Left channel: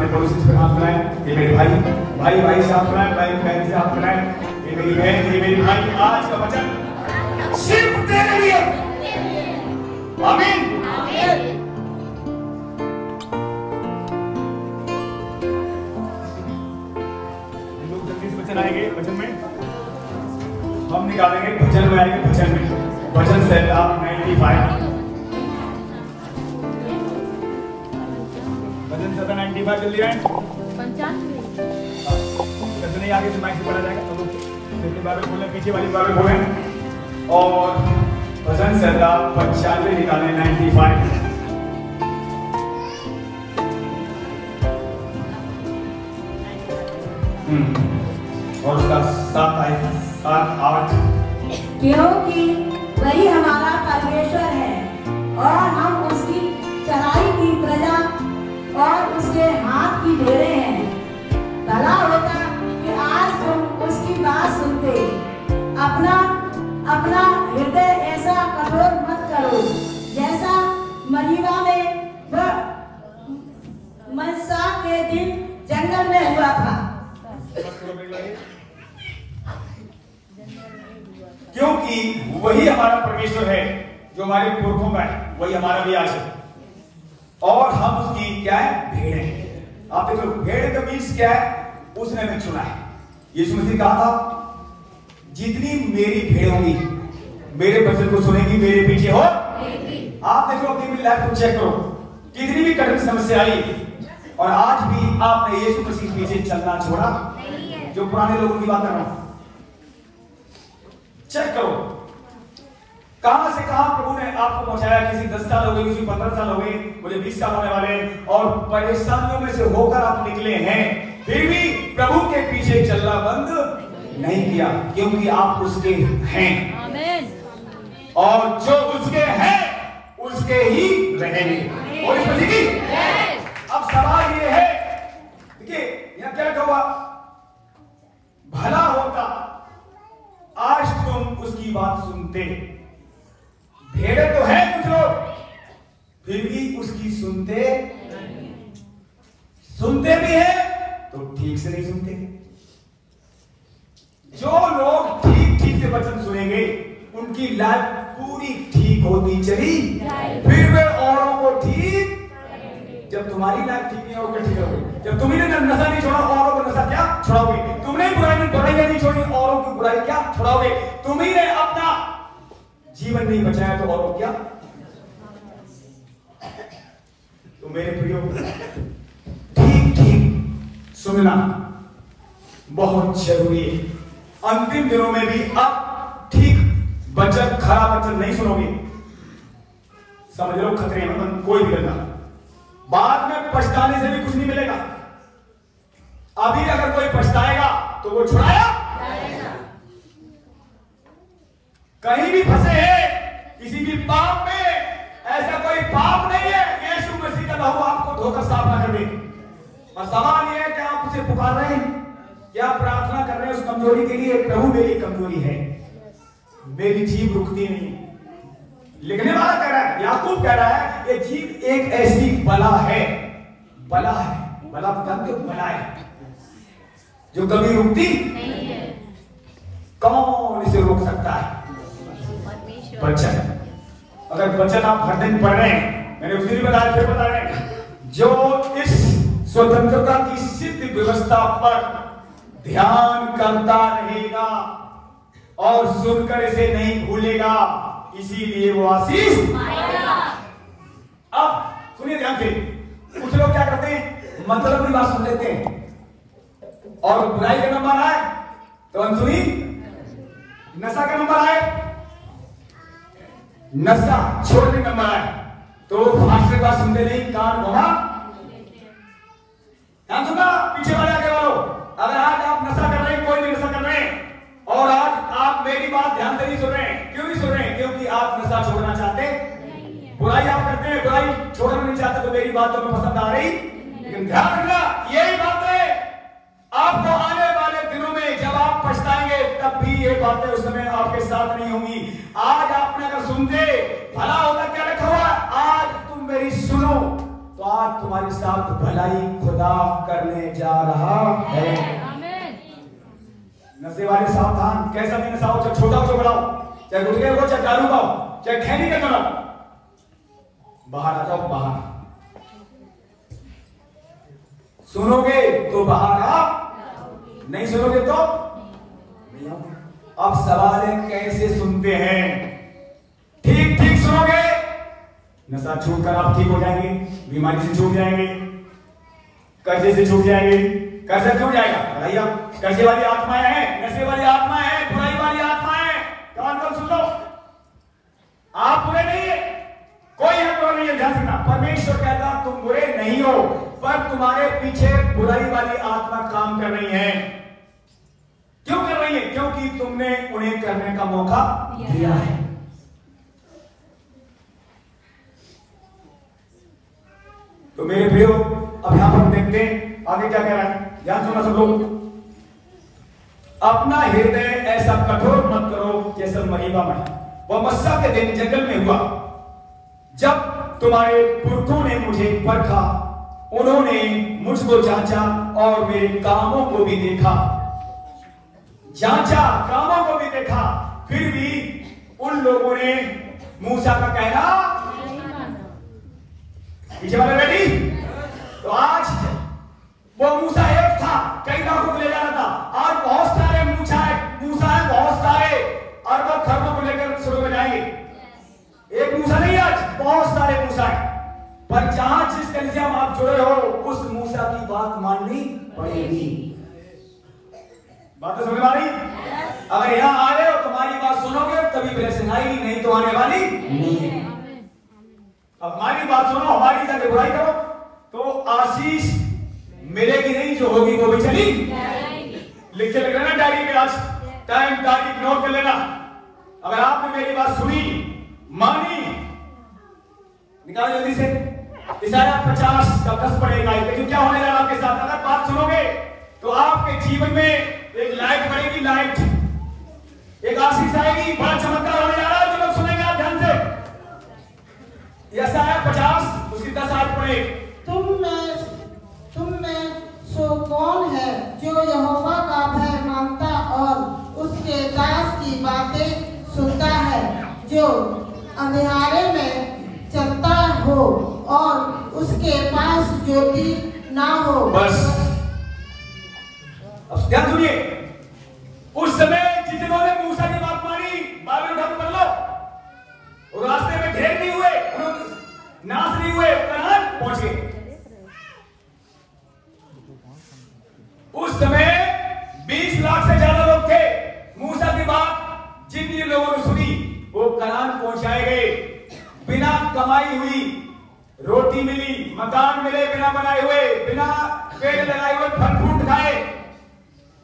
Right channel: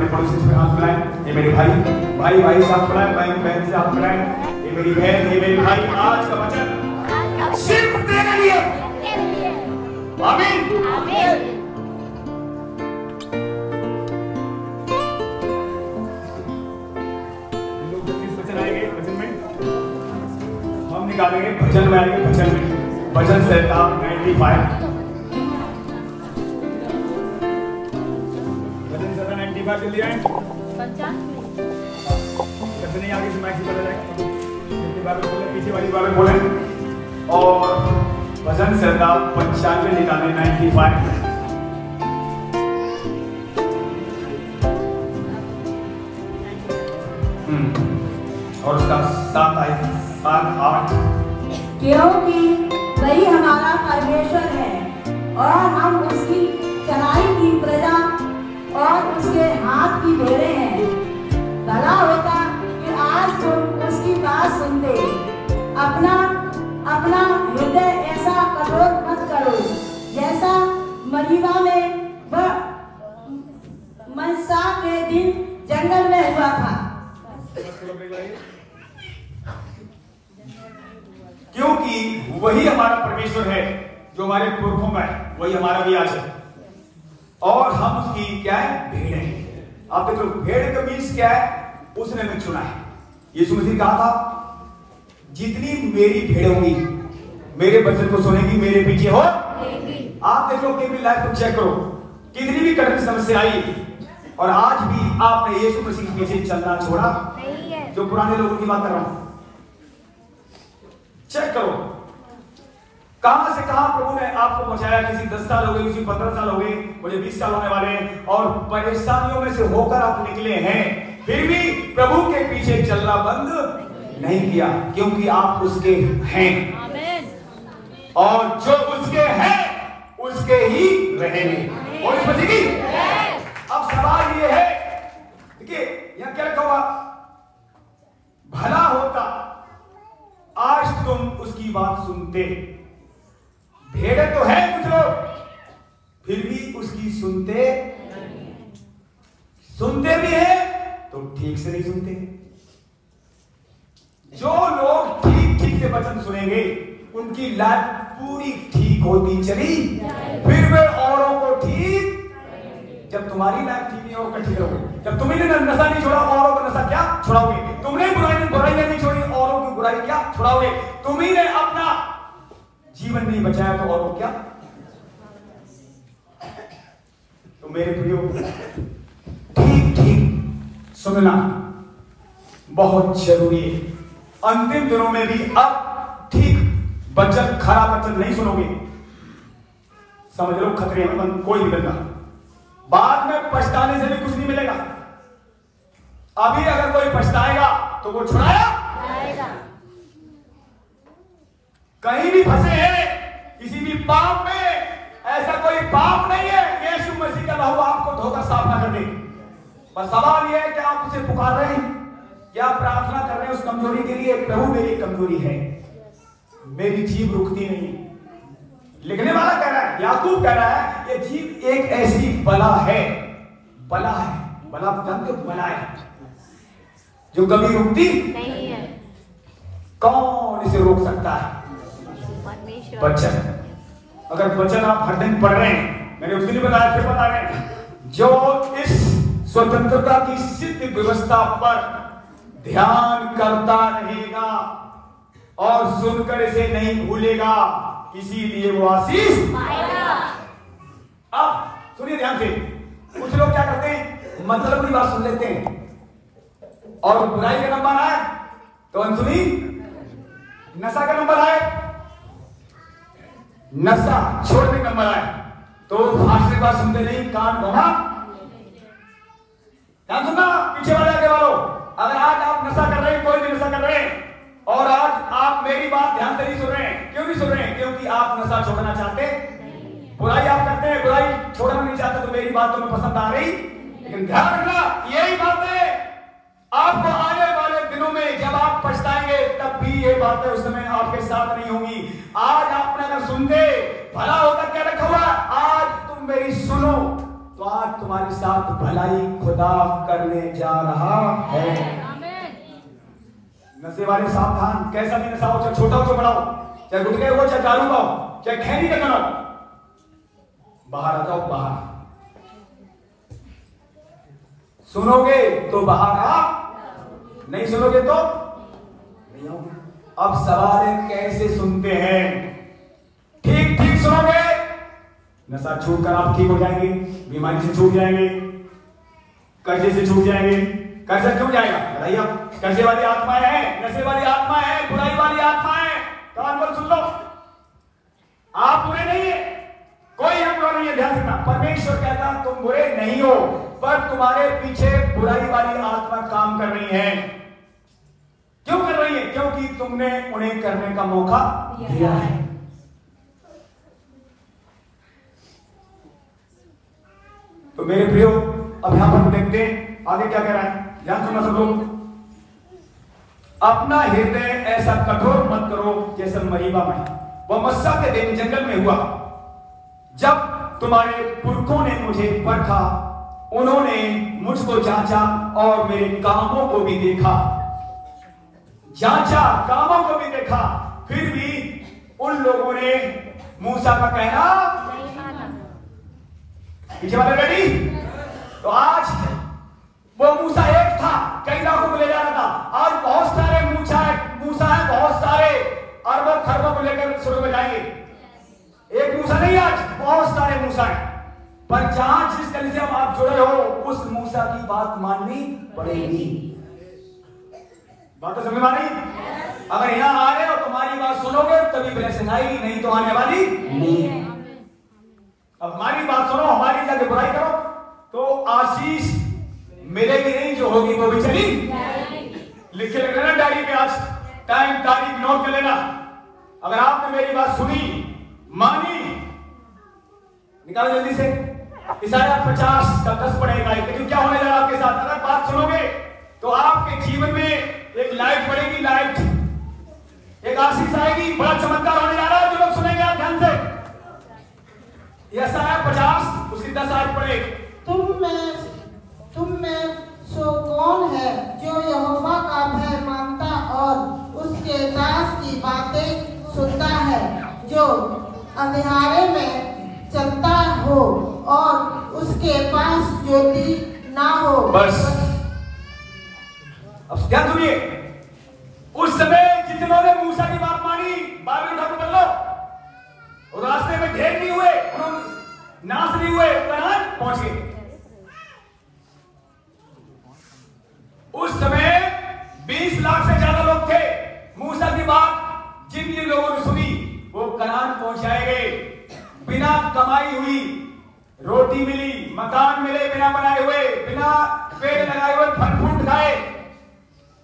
अपने पड़ोसी से हाथ मिलाएं। ये मेरे भाई भाई भाई से हाथ मिलाएं, बहन बहन से हाथ मिलाएं। ये मेरी बहन, ये मेरे भाई, आज का वचन सिर्फ तेरे लिए। आमीन। लोग जल्दी से वचन आएंगे, वचन में हम निकालेंगे, भजन में आएंगे, भजन में भजन से आप 95 भजन से 95 जल्दी आए। नहीं आगे से माइक से पढ़ा जाएगा, तो बाइबल खोलें, पीछे वाली बाइबल खोलें और भजन से 95 निकालें 95। और उसका 7 8 क्योंकि वही हमारा परमेश्वर है और हम उसकी चढ़ाई की प्रजा और उसके हाथ की भेड़ें हैं। भला होता कि आज तुम उसकी बात सुनते। अपना हृदय ऐसा कठोर मत करो जैसा मरीबा में मनसा के दिन जंगल में हुआ था। क्योंकि वही हमारा परमेश्वर है जो हमारे पुरखों में है, वही हमारा भी आज है और हम उसकी क्या है, भेड़ है। आप देखो भेड़ का बीज क्या है, उसने भी चुना है। यीशु मसीह कहा था जितनी मेरी भेड़ होगी मेरे वचन को सुनेगी, मेरे पीछे हो। आप देखो अपनी लाइफ को चेक करो, कितनी भी कठिन समस्या आई और आज भी आपने यीशु मसीह के पीछे चलना छोड़ा। जो पुराने लोगों की बात कर रहा हूं, चेक करो कहां से कहां प्रभु ने आपको पहुंचाया। किसी 10 साल हो गए, किसी 15 साल हो गए, मुझे 20 साल होने वाले हैं और परेशानियों में से होकर आप निकले हैं, फिर भी प्रभु के पीछे चलना बंद नहीं किया, क्योंकि आप उसके हैं और जो उसके हैं उसके ही रहेंगे। और अब सवाल ये है, देखिए यहां क्या लिखा हुआ, भला होता आज तुम उसकी बात सुनते। भेड़े तो है कुछ लोग, फिर भी उसकी सुनते भी है तो ठीक से नहीं सुनते। जो लोग ठीक से वचन सुनेंगे उनकी लाइफ पूरी ठीक होती चली, फिर वे औरों को ठीक। जब तुम्हारी लाइफ ठीक नहीं होगी, ठीक होगी। जब तुमने नशा नहीं छोड़ा, औरों का नशा क्या छुड़ाओगे? तुमने बुराई नहीं छोड़ी, औरों की बुराई क्या छुड़ाओगे? तुम्ही ने अपना जीवन नहीं बचाया तो औरों क्या। तो मेरे प्रियो, ठीक सुनना बहुत जरूरी है। अंतिम दिनों में भी अब ठीक वचन, खराब वचन नहीं सुनोगे, समझ लो खतरे में कोई भी करना, बाद में पछताने से भी कुछ नहीं मिलेगा। अभी अगर कोई पछताएगा तो वो छुड़ाया। कहीं भी फंसे हैं किसी भी पाप में, ऐसा कोई पाप नहीं है यीशु मसीह का लहू आपको धोकर साफ ना कर दे। बस सवाल यह है कि आप उसे पुकार रहे हैं, क्या प्रार्थना कर रहे हैं उस कमजोरी के लिए। प्रभु मेरी कमजोरी है, मेरी जीभ रुकती नहीं। लिखने वाला कह रहा है, याकूब कह रहा है, ये जीभ एक ऐसी बला है, बला जानते हो, बला है जो कभी रुकती नहीं है। कौन इसे रोक सकता है? वचन। अगर वचन आप हर दिन पढ़ रहे हैं, मैंने उस दिन बताया, फिर बता रहे हैं, जो इस स्वतंत्रता की सिद्ध व्यवस्था पर ध्यान करता रहेगा और सुनकर इसे नहीं भूलेगा, इसीलिए वो आशीष पाएगा। अब सुनिए ध्यान से, कुछ लोग क्या करते हैं, मतलब की बात सुन लेते हैं और बुराई का नंबर आए तो अनसुनी, नशा का नंबर आए, नशा छोड़ने का नंबर आए तो फांसी बात सुनते नहीं, कान घुमा। ध्यान सुनना पीछे वाले आगे वालों, अगर आज आप नशा कर रहे हैं, कोई भी नशा कर रहे हैं और आज आप मेरी बात ध्यान से नहीं सुन रहे हैं, क्यों नहीं सुन रहे हैं? क्योंकि आप नशा छोड़ना चाहते, बुराई आप करते हैं, बुराई छोड़ना नहीं चाहते, तो मेरी बात तुम्हें पसंद आ रही। लेकिन ध्यान रखना, यही बातें आपको आने वाले दिनों में जब आप पछताएंगे तब भी ये बातें उस समय आपके साथ नहीं होंगी। आज आपने अगर सुनते, भला होता क्या लिखा हुआ, आज तुम मेरी सुनो तो आज तुम्हारे साथ भलाई खुदा करने जा रहा है। नशे वाले सावधान, कैसा भी नशा हो, चाहे छोटा हो, छोटा हो, चाहे गुटखे हो, चाहे दारू का हो, चाहे खैनी का करो, बाहर आ जाओ, बाहर। सुनोगे तो बाहर आ, नहीं सुनोगे तो नहीं आओगे। अब सवाल है कैसे सुनते हैं? ठीक ठीक सुनोगे, नशा छूट कर आप ठीक हो जाएंगे, बीमारी से छूट जाएंगे, कर्जे से छूट जाएंगे। कर्जा क्यों जाएगा भैया? कर्जे वाली आत्माएं हैं, नशे वाली आत्मा है, बुराई वाली आत्मा है। कान खोल सुन लो, आप बुरे नहीं है, कोई हम लोग नहीं है, ध्यान रखना। परमेश्वर कहता तुम बुरे नहीं हो, पर तुम्हारे पीछे बुराई वाली आत्मा काम कर रही है। क्यों कर रही है? क्योंकि तुमने उन्हें करने का मौका दिया है। तो मेरे प्रियो, अब यहां पर देखते हैं आगे क्या कह रहा है, ध्यान सुनना सब लोग। अपना हृदय ऐसा कठोर मत करो जैसा मरीबा में, वह मस्सा के दिन जंगल में हुआ, जब तुम्हारे पुरखों ने मुझे परखा, उन्होंने मुझको जांचा और मेरे कामों को भी देखा। जांचा, कामों को भी देखा, फिर भी उन लोगों ने मूसा का कहना पीछे वाले रेडी। तो आज वो मूसा एक था, कई लोगों को ले जाना था, आज बहुत सारे मूसा है, बहुत सारे अरबों खरबों को लेकर शुरू में जाएंगे। एक मूसा नहीं, आज बहुत सारे मूसा है, पर जहां जिस कलीसिया में आप जुड़े हो उस मूसा की बात माननी पड़ेगी। बात तो समझ आ रही? अगर यहां आ रहे हो तुम्हारी बात सुनोगे तभी ब्लेसिंग आएगी, नहीं तो आने वाली नहीं। अब हमारी बात सुनो, हमारी का बुराई करो तो आशीष मिलेगी नहीं, जो होगी वो भी चली। लिखे लग लेना डायरी में, आज टाइम तारीख नोट कर लेना। अगर आपने मेरी बात सुनी, मानी, निकालो जल्दी से। इशाया 50 का 10 पड़ेगा। लेकिन क्या होने जा रहा है आपके साथ? अगर बात सुनोगे तो आपके जीवन में एक लाइट पड़ेगी, लाइट, एक आशीष आएगी, बड़ा चमत्कार होने जा रहा है। जो लोग सुनेंगे आप ध्यान से, इशाया 50 उसकी 10 आयत पड़ेगी। तुम में सो कौन है जो यहोवा का भय मानता और उसके दास की बातें सुनता है, जो अंधियारे में चलता हो और उसके पास ज्योति ना हो। बस अब ध्यान सुनिए, उस समय जितनों ने मूसा की बात मानी, बाइबल खत्म कर लो, रास्ते में ढेर नहीं हुए, नाश नहीं हुए, कनान पहुंचे। उस समय 20 लाख से ज्यादा लोग थे। मूसा की बात जिन जिन लोगों ने सुनी वो कनान पहुंचाए गए। बिना कमाई हुई रोटी मिली, मकान मिले बिना बनाए हुए, बिना पेड़ लगाए हुए फल फ्रूट खाए।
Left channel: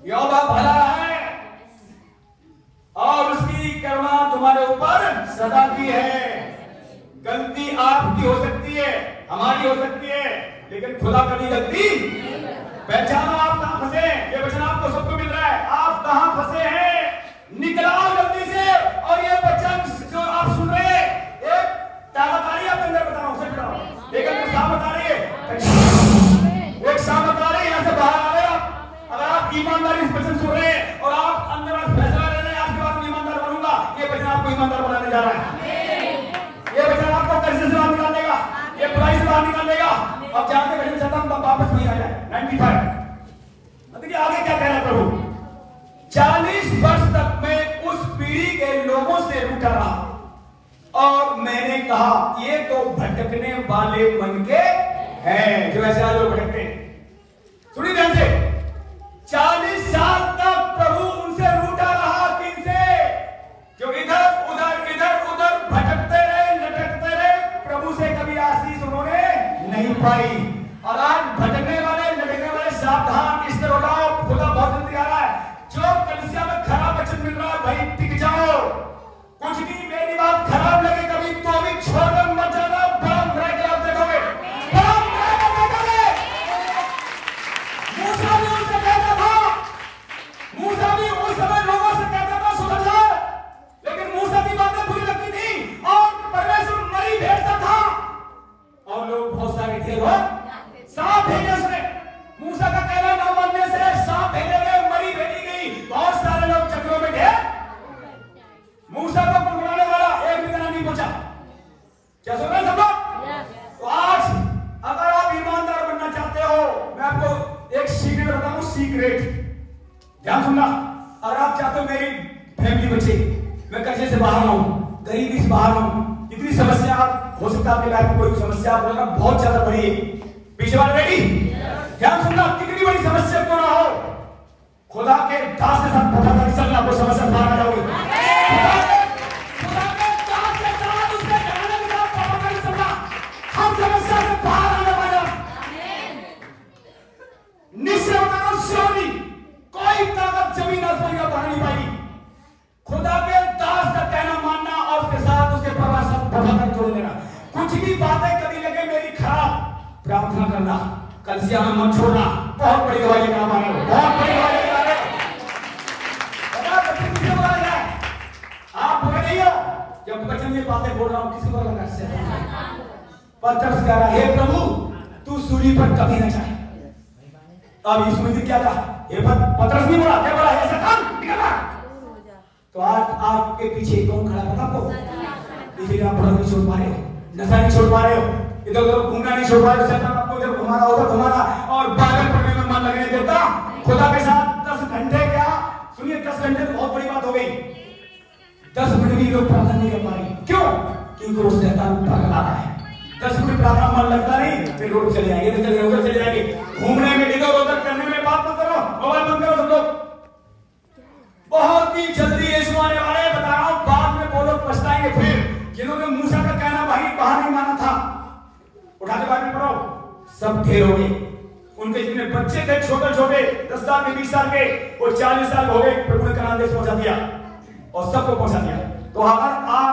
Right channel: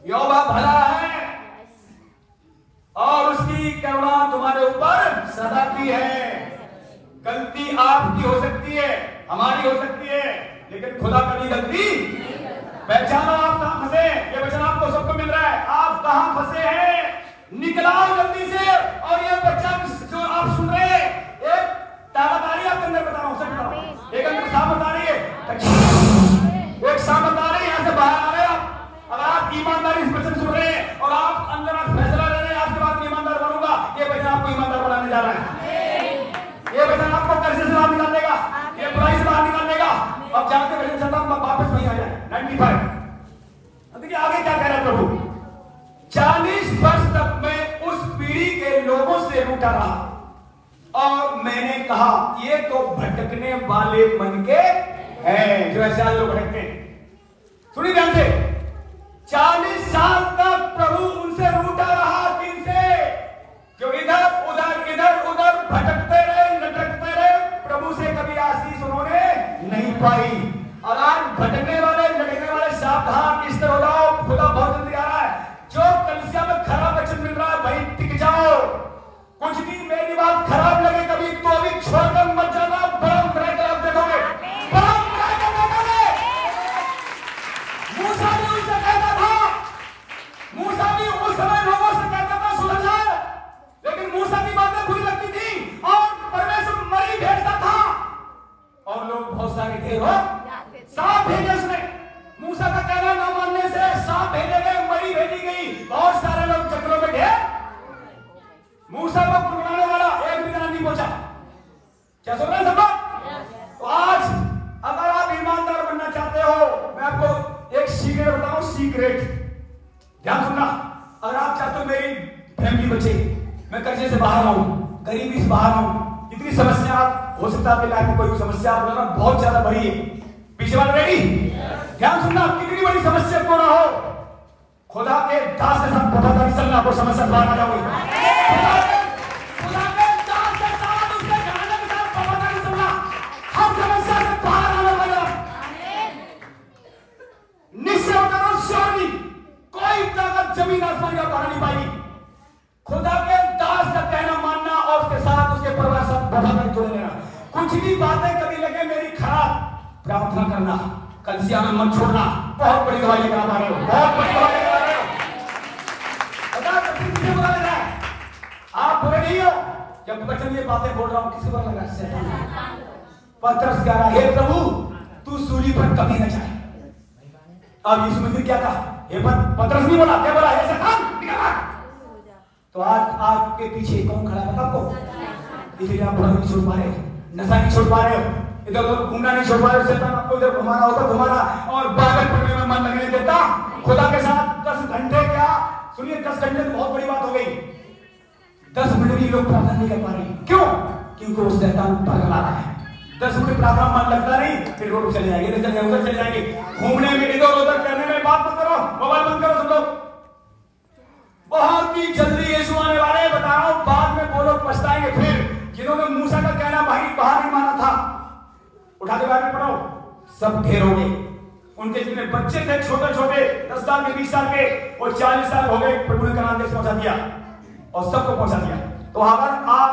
यहोवा भला है और उसकी करुणा तुम्हारे ऊपर सदा की है। गलती आपकी हो सकती है, हमारी हो सकती है, लेकिन खुदा कभी गलती। पहचानो आप कहां फंसे। ये वचन आपको सबको मिल रहा है, आप कहां फंसे हैं, निकलाओ जल्दी से। और ये वचन जो आप सुन रहे हैं, एक ताकत आ रही है आपके अंदर, बताओ समझो, एक अंदर सामत आ रही है, एक सामत आ रही है, यहां से बाहर आ रहे हैं आप। अगर आप ईमानदारी से वचन सुन रहे हैं और आप अंदर आप फैसला ले रहे हैं, आपकी बात ईमानदार करूंगा, ये वचन आपको ईमानदार बनाने जा रहा है। ये वचन आपको कर्ज से बाहर निकाल देगा, ये बुराई से बाहर निकाल देगा। अब जहां से कर्ज चलता है वापस नहीं आ जाए। 95 देखिए आगे क्या कहना है प्रभु। 40 वर्ष तक मैं उस पीढ़ी के लोगों से रूठा रहा और मैंने कहा ये तो भटकने वाले मन के हैं, जो ऐसे लोग भटकते हैं। सुनिए ध्यान से, 40 साल तक प्रभु उनसे रूठा रहा, दिन से, जो इधर उधर भटकते रहे, लटकते रहे, प्रभु से कभी आशीष उन्होंने नहीं पाई। और आज भटकने वाले, लटकने वाले सावधान, इस तरह हो जाओ, खुदा बहुत जल्दी आ रहा है। जो कलीसिया में खराब वचन मिल रहा है भाई टिक जाओ। कुछ भी मेरी बात खराब लगे कभी तो अभी छोड़कर मत जाना, बम रहकर देखोगे, बम रहकर देखोगे। मूसा भी उनसे कहता था, मूसा भी उस समय लोगों से कहता था सुधर जाओ, लेकिन मूसा की बातें बुरी लगती थी और परमेश्वर मरी भेजता था और लोग बहुत सारे थे, वो सांप भेजे उसने। मूसा का कहना न मानने से सांप भेजे गए, मरी भेजी गई, बहुत सारे लोग जंगलों में थे। मूसा को पकड़ाने वाला एक भी जना नहीं पहुंचा। क्या सुन रहे सब? तो आज अगर आप ईमानदार बनना चाहते हो, मैं आपको एक सीक्रेट बताऊं, सीक्रेट ध्यान सुनना। अगर आप चाहते हो मेरी फैमिली बचे, मैं कर्जे से बाहर आऊं, गरीबी से बाहर आऊं, इतनी समस्या आप हो सकता है आपकी लाइफ में कोई समस्या आप लोगों का बहुत ज्यादा बड़ी है, पीछे वाले रेडी ध्यान सुनना, कितनी बड़ी समस्या क्यों ना हो, खुदा के दास के साथ पता कर चलना, वो समस्या बाहर आ जाओगी। कोई ताकत जमीन आसमान का बढ़ा नहीं पाएगी। खुदा के दास का कहना मानना और उसके साथ उसके परिवार सब प्रभाव जोड़ लेना। कुछ भी बातें कभी लगे मेरी खराब, प्रार्थना करना, कलिसिया में मत छोड़ना। बहुत बड़ी दवाई लेकर आ रहे हो, बहुत बड़ी दवाई लेकर आ रहे हो। आप बोले नहीं हो, जब बचन ये बातें बोल रहा हूं किसी को लग रहा है पत्थर से कह रहा, हे प्रभु तू सूली पर कभी न जाए। अब यीशु ने क्या कहा, ये पतरस नहीं बोला, क्या बोला, ऐसा काम। तो आज आपके पीछे कौन खड़ा है आपको? इसीलिए आप बुरा नहीं छोड़ पा रहे हो, नशा नहीं छोड़ पा रहे हो, इधर उधर घूमना नहीं छोड़ पा रहे हो, शैतान आपको इधर घुमाना उधर घुमाना और बाइबल पढ़ने में मन लगने देता। खुदा के साथ 10 घंटे क्या सुनिए, 10 घंटे बहुत बड़ी बात हो गई। 10 मिनट भी लोग प्रार्थना नहीं कर पा रहे, क्यों? क्योंकि वो शैतान भगा रहा है। 10 मिनट प्रार्थना मन लगता नहीं, फिर रोड चले जाएंगे, इधर चले उधर चले जाएंगे, घूमने में इधर उधर करने में बात मत करो, मोबाइल बंद करो सब लोग। बहुत ही जल्दी यीशु आने वाले हैं, बता रहा हूं, बाद में वो लोग पछताएंगे। फिर जिन्होंने मूसा का कहना भाई बाहर नहीं माना था, उठा के बाहर पढ़ो, सब ढेर हो गए। उनके जितने बच्चे थे छोटे छोटे 10 साल के 20 साल के, वो 40 साल हो गए, प्रभु ने कनान देश पहुंचा दिया और सबको पहुंचा दिया। तो अगर आप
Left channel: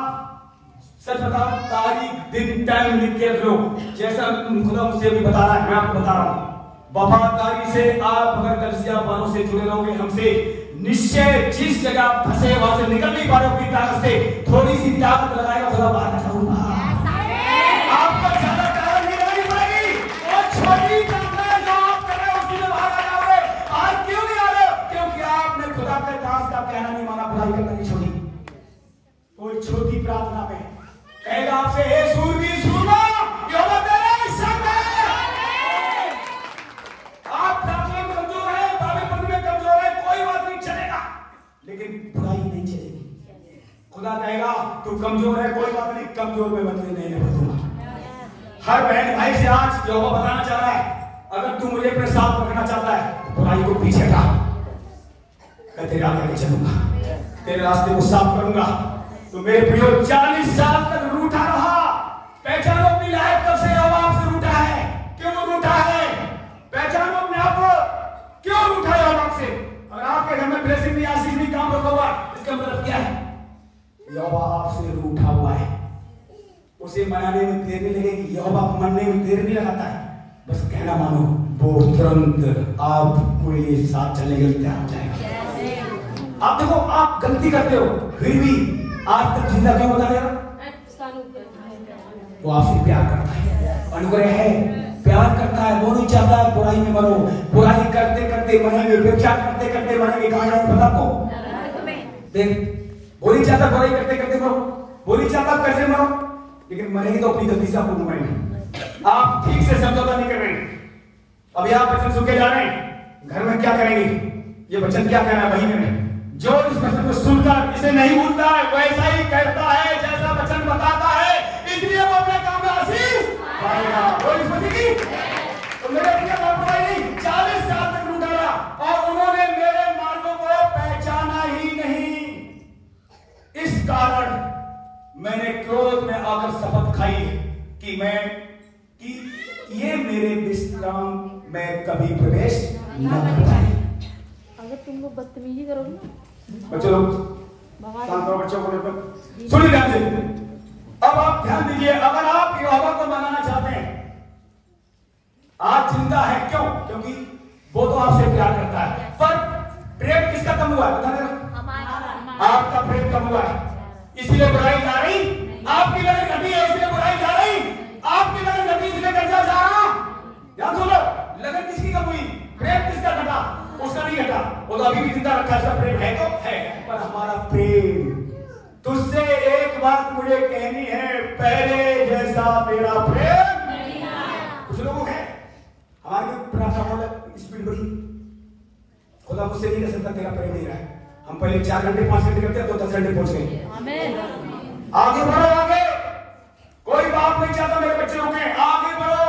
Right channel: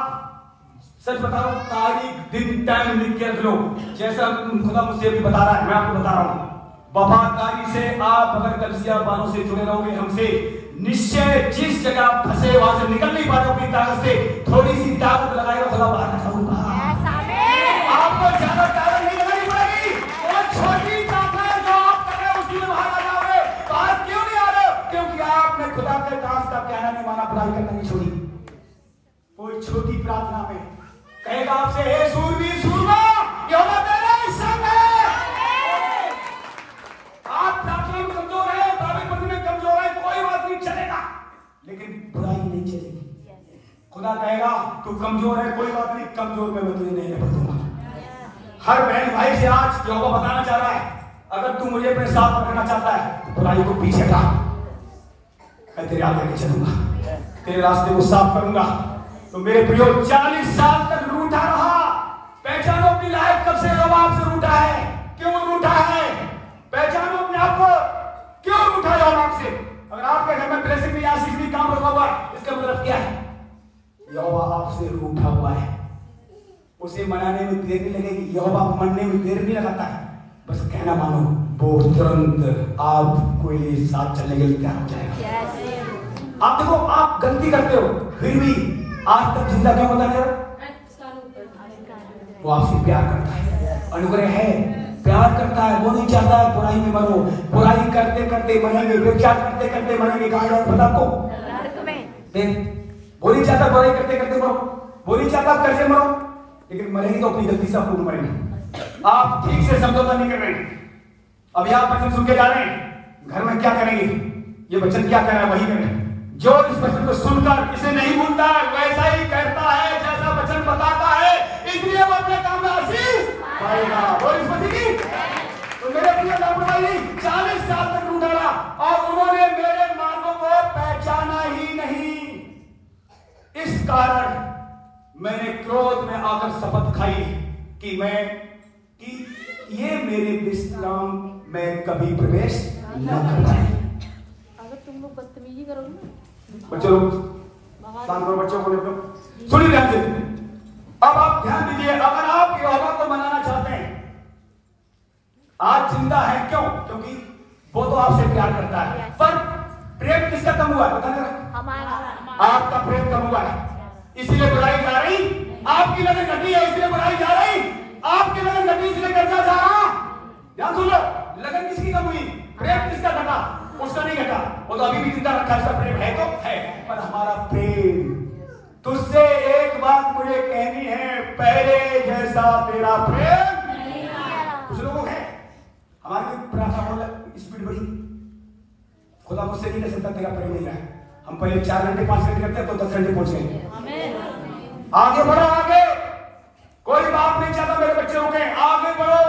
सच बताओ, तारीख दिन टाइम लिख के रख लो, जैसा खुदा मुझसे भी बता रहा है, मैं आपको बता रहा हूं। वफादारी से आप अगर कलिसिया वालों से जुड़े रहोगे हमसे, निश्चय जिस जगह फंसे वहां से निकल नहीं पा रहे हो, ताकत से थोड़ी सी ताकत लगाएगा, खुदा बाहर निकालूंगा। आपको ज्यादा ताकत नहीं लगानी पड़ेगी, वो छोटी ताकत है जो आप कर रहे हो उसमें बाहर आ जाओगे। बाहर क्यों नहीं आ रहे हो? क्योंकि आपने खुदा के दास का कहना नहीं माना, बुराई करना नहीं छोड़ी। कोई छोटी प्रार्थना में कहेगा आपसे, हे सूरवीर सूरमा, यहोवा तेरे संग है। आप प्रार्थना में कमजोर है, बाइबल पढ़ने में कमजोर है, कोई बात नहीं, चलेगा, लेकिन बुराई नहीं चलेगी। खुदा कहेगा तू कमजोर है, कोई बात नहीं, कमजोर में मैं तुझे नहीं बदलूंगा। हर बहन भाई से आज यहोवा बताना चाह रहा है, अगर तू मुझे अपने साथ रखना चाहता है तो बुराई को पीछे हटा, मैं तेरे आगे आगे चलूंगा, तेरे रास्ते को साफ करूंगा। तो मेरे प्रियो 40 साल तक रूठा रहा, पहचानो अपनी लाइफ कब से यहोवा आपसे रूठा है, क्यों रूठा है, पहचानो अपने आप को, क्यों रूठा है यहोवा आपसे। अगर आपके घर में ब्लेसिंग नहीं, आशीष नहीं, काम रुका हुआ, इसका मतलब क्या है? यहोवा आपसे रूठा हुआ है। उसे मनाने में देर नहीं लगेगी, यहोवा मनने में देर नहीं लगाता है, बस कहना मानो, वो तुरंत आपको ये साथ चलने के लिए तैयार हो जाएगा। आप देखो, आप गलती करते हो फिर भी आज तक जिंदा क्यों होता है? वो आपसे प्यार करता है, अनुग्रह है, प्यार करता है, वो नहीं चाहता है बुराई में मरो। बुराई करते करते मरेंगे, व्यभिचार करते करते मरेंगे, कहां जाए पता को? वो नहीं चाहता बुराई करते करते मरो, वो नहीं चाहता कर्जे मरो, लेकिन मरेंगे तो अपनी गलती से आपको मरेंगे। आप ठीक से समझौता नहीं कर रहे हैं। अभी आप वचन सुन के जा रहे हैं, घर में क्या करेंगे? ये वचन क्या कह रहा है वही करें। जो इस वचन को सुनकर इसे नहीं भूलता है, वैसा ही करता है जैसा वचन बताता है, इसलिए वो अपने काम में आशीष पाएगा। तो मेरे प्रिय भाई, 40 साल तक रूठा रहा और उन्होंने मेरे मार्गों को पहचाना ही नहीं। इस कारण मैंने क्रोध में आकर शपथ खाई कि ये मेरे विश्राम में कभी प्रवेश न करता है। अगर तुम लोग बदतमीजी करोगे, बच्चों लोग शांत रहो, बच्चों को लेकर सुनिए ध्यान से। अब आप ध्यान दीजिए, अगर आप यहोवा को मनाना चाहते हैं, आज जिंदा है क्यों? क्योंकि वो तो आपसे प्यार करता है, पर प्रेम किसका कम हुआ है? बता देना, आपका प्रेम कम हुआ है, इसलिए बुराई जा रही, आपकी लगन घटी है इसलिए बुराई जा रही, आपकी लगन घटी वो तो अभी भी जिंदा रखा है, प्रेम है तो है, पर हमारा प्रेम तुझसे एक बात मुझे कहनी है, पहले जैसा तेरा प्रेम कुछ लोगों है। हमारी प्रार्थना बहुत स्पीड बढ़ी, खुदा मुझसे नहीं कर सकता तेरा प्रेम नहीं रहा है। हम पहले 4 घंटे 5 घंटे करते हैं तो 10 घंटे पहुंच गए। आगे बढ़ो, आगे। कोई बाप नहीं चाहता मेरे बच्चे रुके, आगे बढ़ो।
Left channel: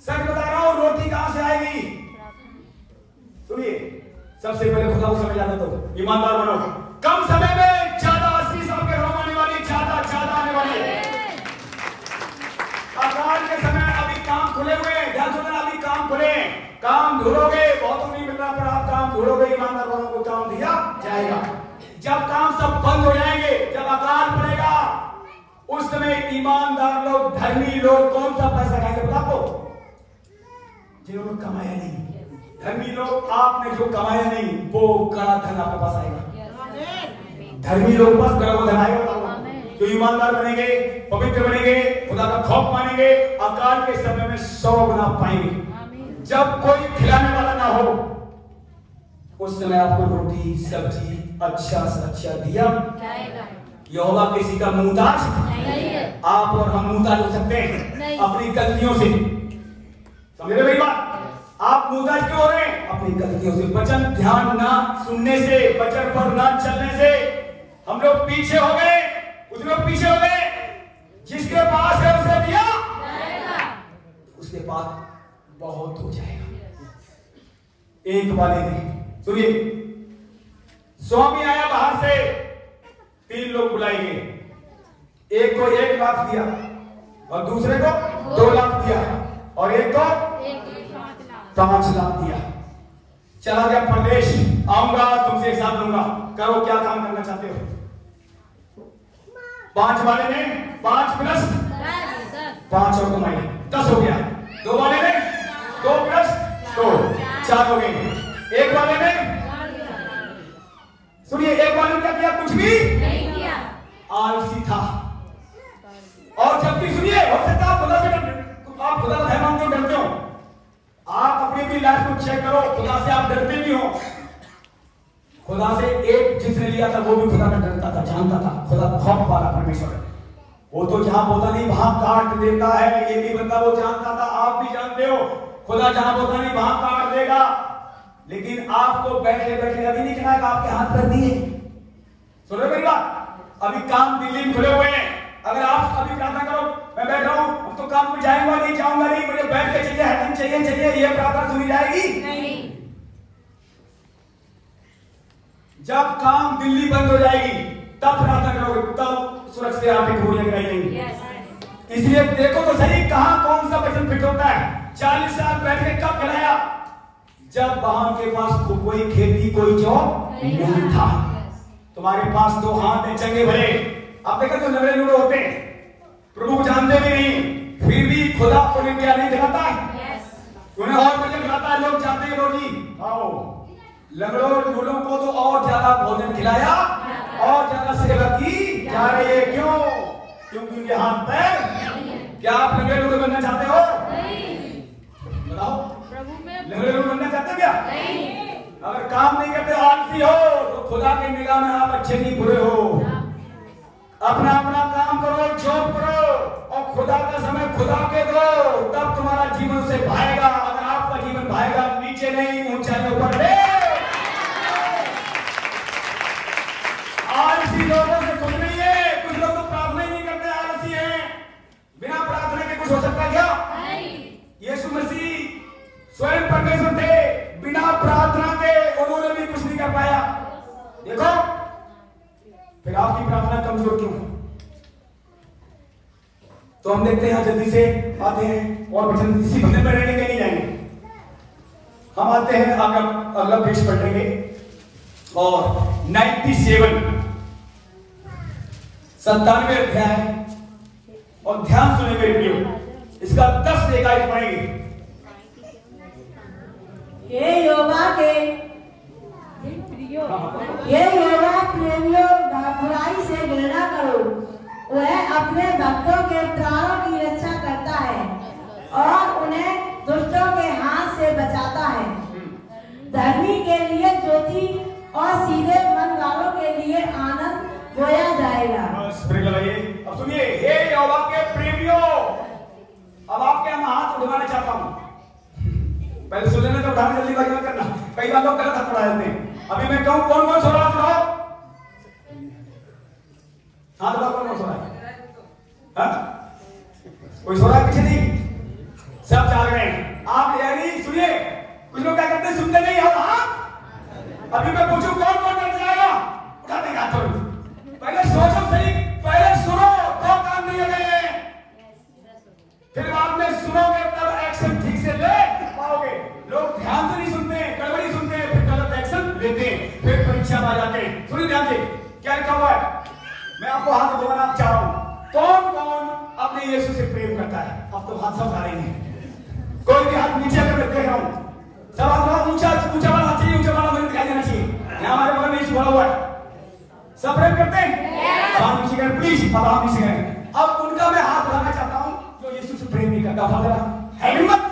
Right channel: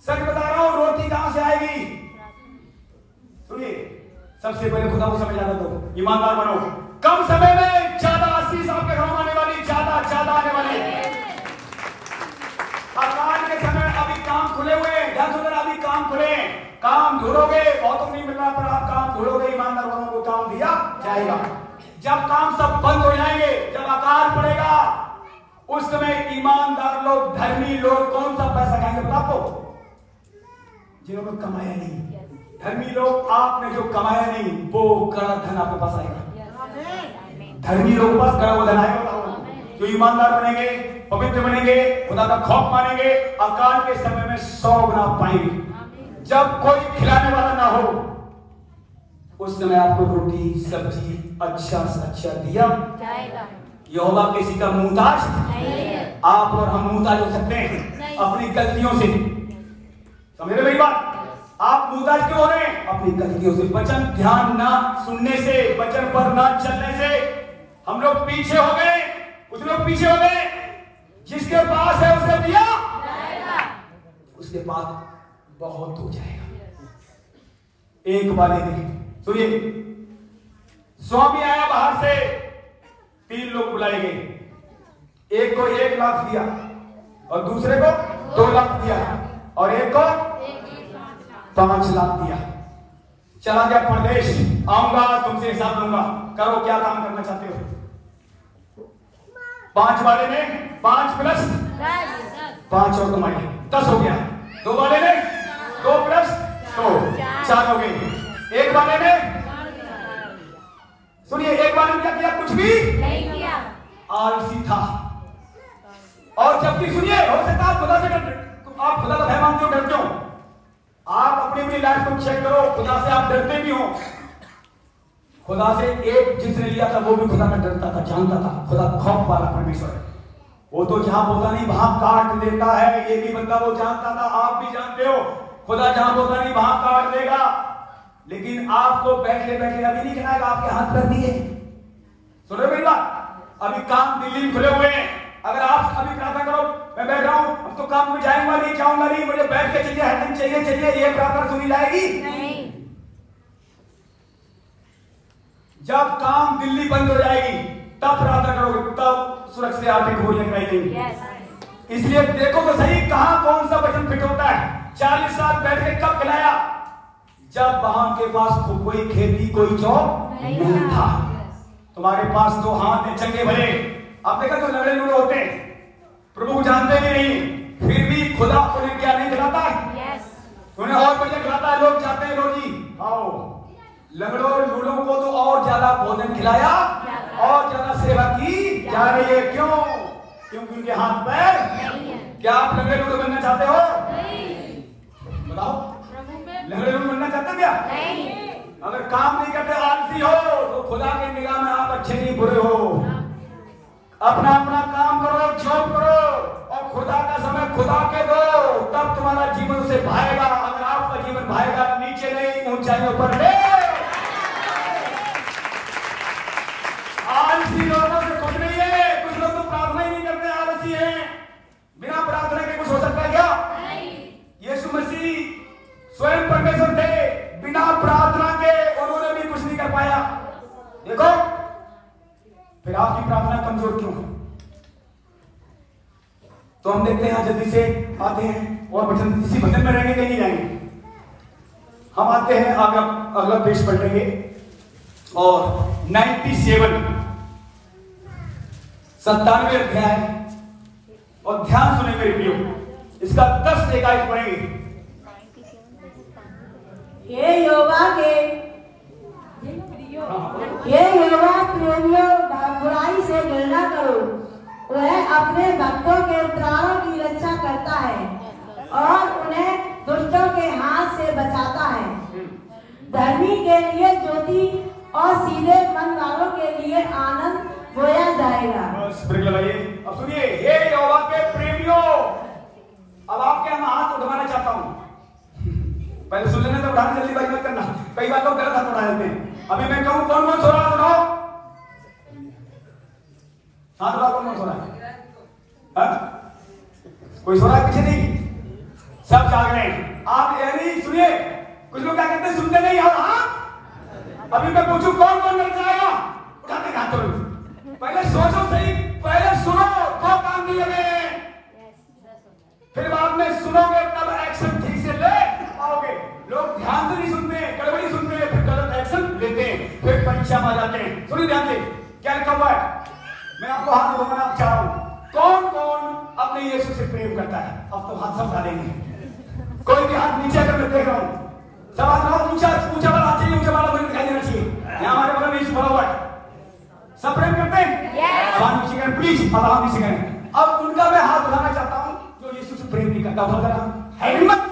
सच बता रहा हूं, रोटी कहां से आएगी? सुनिए, सबसे पहले खुदा को समय ज्यादा दो, ईमानदार बनो। कम समय में ज्यादा आशीष आपके घरों आने वाली, ज्यादा आने वाली। अकाल के समय अभी काम खुले हुए हैं, ध्यान सुनना, अभी काम खुले, काम ढूंढोगे, बहुतों नहीं मिल रहा, पर आप काम ढूंढोगे, ईमानदार वालों को काम दिया जाएगा। जब काम सब बंद हो जाएंगे, जब अकाल पड़ेगा, उस समय ईमानदार लोग, धर्मी लोग कौन सा पैसा खाएंगे बता दो? जिन्होंने कमाया नहीं। धर्मी लोग, आपने जो कमाया नहीं वो कड़ा धन आपके पास आएगा। धर्मी लोग पास कड़ा वो धन आएगा। जो ईमानदार बनेंगे, पवित्र बनेंगे, खुदा का खौफ मानेंगे, अकाल के समय में 100 गुना पाएंगे। जब कोई खिलाने वाला ना हो, उस समय आपको रोटी सब्जी अच्छा से अच्छा दिया यहोवा किसी का मुहताज, आप और हम मुहताज हो सकते हैं अपनी गलतियों से। समझ रहे मेरी बात? आप मुहताज क्यों हो रहे हैं? अपनी गलतियों से। वचन ध्यान ना सुनने से, वचन पर ना चलने से हम लोग पीछे हो गए। कुछ लोग पीछे हो गए। जिसके पास है उसने दिया, उसके पास बहुत हो जाएगा। एक वाले ने, सुनिए, स्वामी आया बाहर से, 3 लोग बुलाए गए। एक को 1 लाख दिया और दूसरे को 2 लाख दिया और एक को 5 लाख दिया। चला गया प्रदेश, आऊंगा तुमसे हिसाब लूंगा, करो क्या काम करना चाहते हो। 5 वाले ने 5 प्लस 5 और तुम आए 10 हो गया। 2 वाले ने 2 प्लस 2 4 हो गए। 1 वाले ने, सुनिए, 1 वाले ने क्या किया? कुछ भी नहीं किया, आलसी था। और जबकि सुनिए, हो सकता है खुदा से आप खुदा का भय मानते हो, डरते हो। आप अपनी लाइफ को चेक करो, खुदा से आप डरते भी हो। खुदा से एक जिसने लिया था वो भी खुदा का डरता था, जानता था, खुदा खौफ वाला परमेश्वर। वो तो जहां पौधा नहीं वहां काट देता है, ये भी बंदा वो जानता था, आप भी जानते हो। खुदा जहां पौधा नहीं वहां काट देगा, लेकिन आपको बैठे बैठे अभी नहीं खिलाएगा, आपके हाथ कर दिए। सुन रहे मेरी बात? अभी काम दिल्ली में खुले हुए हैं। अगर आप अभी प्रार्थना करो, मैं बैठ रहा हूं, अब तो काम में जाऊंगा नहीं, मुझे बैठ के चाहिए, हर दिन चाहिए, ये प्रार्थना सुनी जाएगी नहीं। जब काम दिल्ली बंद हो जाएगी तब प्रार्थना करोगे, तब सुरक्षित आर्थिक गोलियां गिराएंगी। इसलिए देखो तो सही, कहां कौन सा वचन फिट होता है। 40 साल बैठ के कब खिलाया? जब वहां के पास कोई खेती, कोई जॉब नहीं था। तुम्हारे पास 2 हाथ है, चंगे भले। आप देखा तो लड़े लूड़े होते हैं, प्रभु जानते भी नहीं, फिर भी खुदा उन्हें क्या नहीं खिलाता है, उन्हें और भोजन खिलाता है। लोग चाहते हैं, लो जी आओ, लंगड़ों लूड़ों को तो और ज्यादा भोजन खिलाया और ज्यादा सेवा की जा रही है। क्यों? क्योंकि उनके हाथ पैर। क्या आप लंगड़े लूड़े बनना चाहते हो? बताओ, लंगड़े लूड़े बनना चाहते क्या? अगर काम नहीं करते, आलसी हो, तो खुदा की निगाह में आप अच्छे नहीं बुरे हो। अपना अपना काम करो, जॉब करो और खुदा का समय खुदा के दो, तब तुम्हारा जीवन उसे भाएगा। अगर आपका जीवन भाएगा, नीचे नहीं, ऊंचाइयों पर ले। आलसी लोगों से कुछ नहीं है। कुछ लोग तो प्रार्थना ही नहीं करते, आलसी हैं। बिना प्रार्थना के कुछ हो सकता क्या? यीशु मसीह स्वयं परमेश्वर थे, बिना प्रार्थना के उन्होंने भी कुछ नहीं कर पाया। देखो, फिर आपकी प्रार्थना कमजोर क्यों? तो हम देखते हैं, जल्दी से आते हैं और वचन इसी भजन में रहने के नहीं जाएंगे। हम आते हैं अगला पेज पढ़ेंगे और 97 अध्याय, और ध्यान सुने मेरे प्रियो, इसका 10 से 21 पढ़ेंगे। ये यहोवा प्रेमियों, बुराई से घृणा करो। वह अपने भक्तों के प्राणों की रक्षा करता है और उन्हें दुष्टों के हाथ से बचाता है। धर्मी के लिए जो घुमाना चाहता हूँ। पहले सुन लेना तो उठाने जल्दी बात मत करना, कई बार लोग गलत हाथ उठा देते हैं। अभी मैं कहूँ कौन कौन सो रहा है सुनाओ, हाथ उठाओ कौन कौन सो रहा है? कोई सो रहा है पीछे नहीं, सब जाग रहे हैं। आप यानी सुनिए, कुछ लोग क्या करते हैं सुनते नहीं हाथ। अभी मैं पूछूं कौन कौन करने जाएगा, उठाते हाथ जरूर। पहले सोचो सही, पहले सुनो तो काम नहीं लगे, फिर बाद में सुनोगे तब एक्शन ठीक से ले पाओगे। लोग ध्यान से नहीं सुनते, गड़बड़ी सुनते हैं, फिर गलत एक्शन लेते हैं, फिर परीक्षा में आ जाते हैं। सुनिए ध्यान से क्या लिखा हुआ है, मैं आपको हाथ धोना चाह रहा हूं। कौन कौन अपने यीशु से प्रेम करता है? अब तो हाथ सब डालेंगे, कोई भी हाथ नीचे कर देख रहा हूं। सब हाथ ऊंचा ऊंचा वाला हाथ चाहिए, ऊंचा वाला मुझे दिखाई देना चाहिए। यहाँ हमारे बगल में यीशु खड़ा हुआ है, सब प्रेम करते हैं? हाथ नीचे करें प्लीज, अब हाथ नीचे करें। अब उनका मैं हाथ उठाना चाहता हूं जो यीशु से प्रेम नहीं करता। है हिम्मत?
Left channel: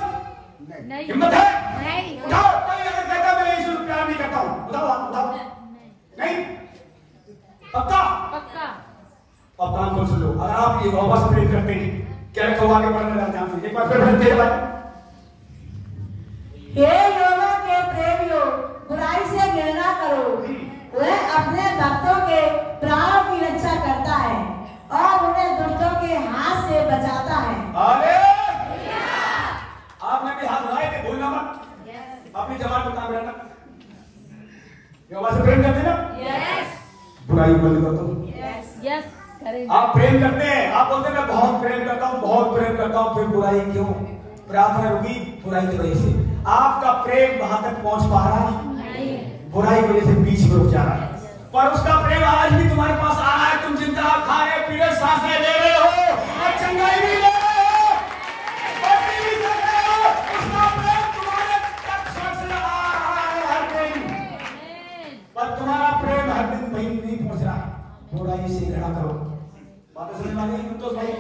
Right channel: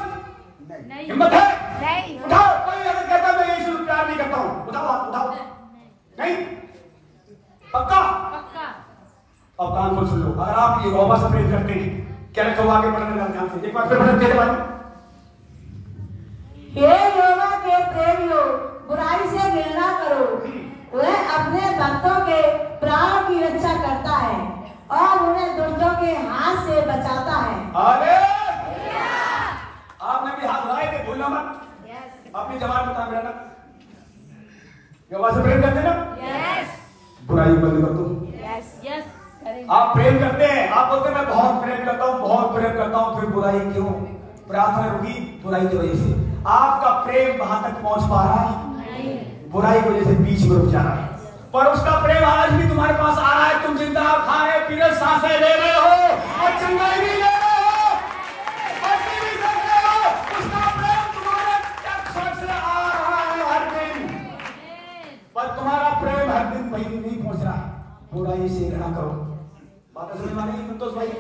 हिम्मत है? उठाओ। कोई अगर कहता मैं यीशु से प्यार नहीं करता हूं, उठाओ हाथ, उठाओ। नहीं पक्का? अब कान खोल सुन लो, अगर आप यहोवा से प्रेम करते हैं, क्या लिखा हुआ आगे पढ़ने का ध्यान से एक बार फिर पढ़ते हैं। हे यहोवा के प्रेमियों, बुराई से घृणा करो। वह अपने भक्तों के प्राणों की रक्षा करता है और उन्हें दुष्टों के हाथ से बचाता है। आपने भी हाथ लगाए थे, भूलना मत, अपनी जबान बता देना। यहोवा से प्रेम करते हैं ना? बुराई बंद कर दो। आप प्रेम करते हैं, आप बोलते हैं मैं बहुत प्रेम करता हूँ, बहुत प्रेम करता हूँ, फिर बुराई क्यों? प्रार्थना रुकी बुराई की वजह से। आपका प्रेम वहां तक पहुंच पा रहा नहीं, बुराई की वजह से बीच में रुक जा रहा है। पर उसका प्रेम आज भी तुम्हारे पास आ रहा है। तुम जिंदा खा रहे पी रहे सांसें ले रहे हो और चंगाई भी ले रहे हो और भी कर रहे हो। उसका प्रेम तुम्हारे तक पहुंचने आ रहा है हर दिन, पर तुम्हारा प्रेम हर दिन वहीं नहीं पहुंच रहा है। बुराई से घृणा करो। बात समझ में नहीं संतोष भाई?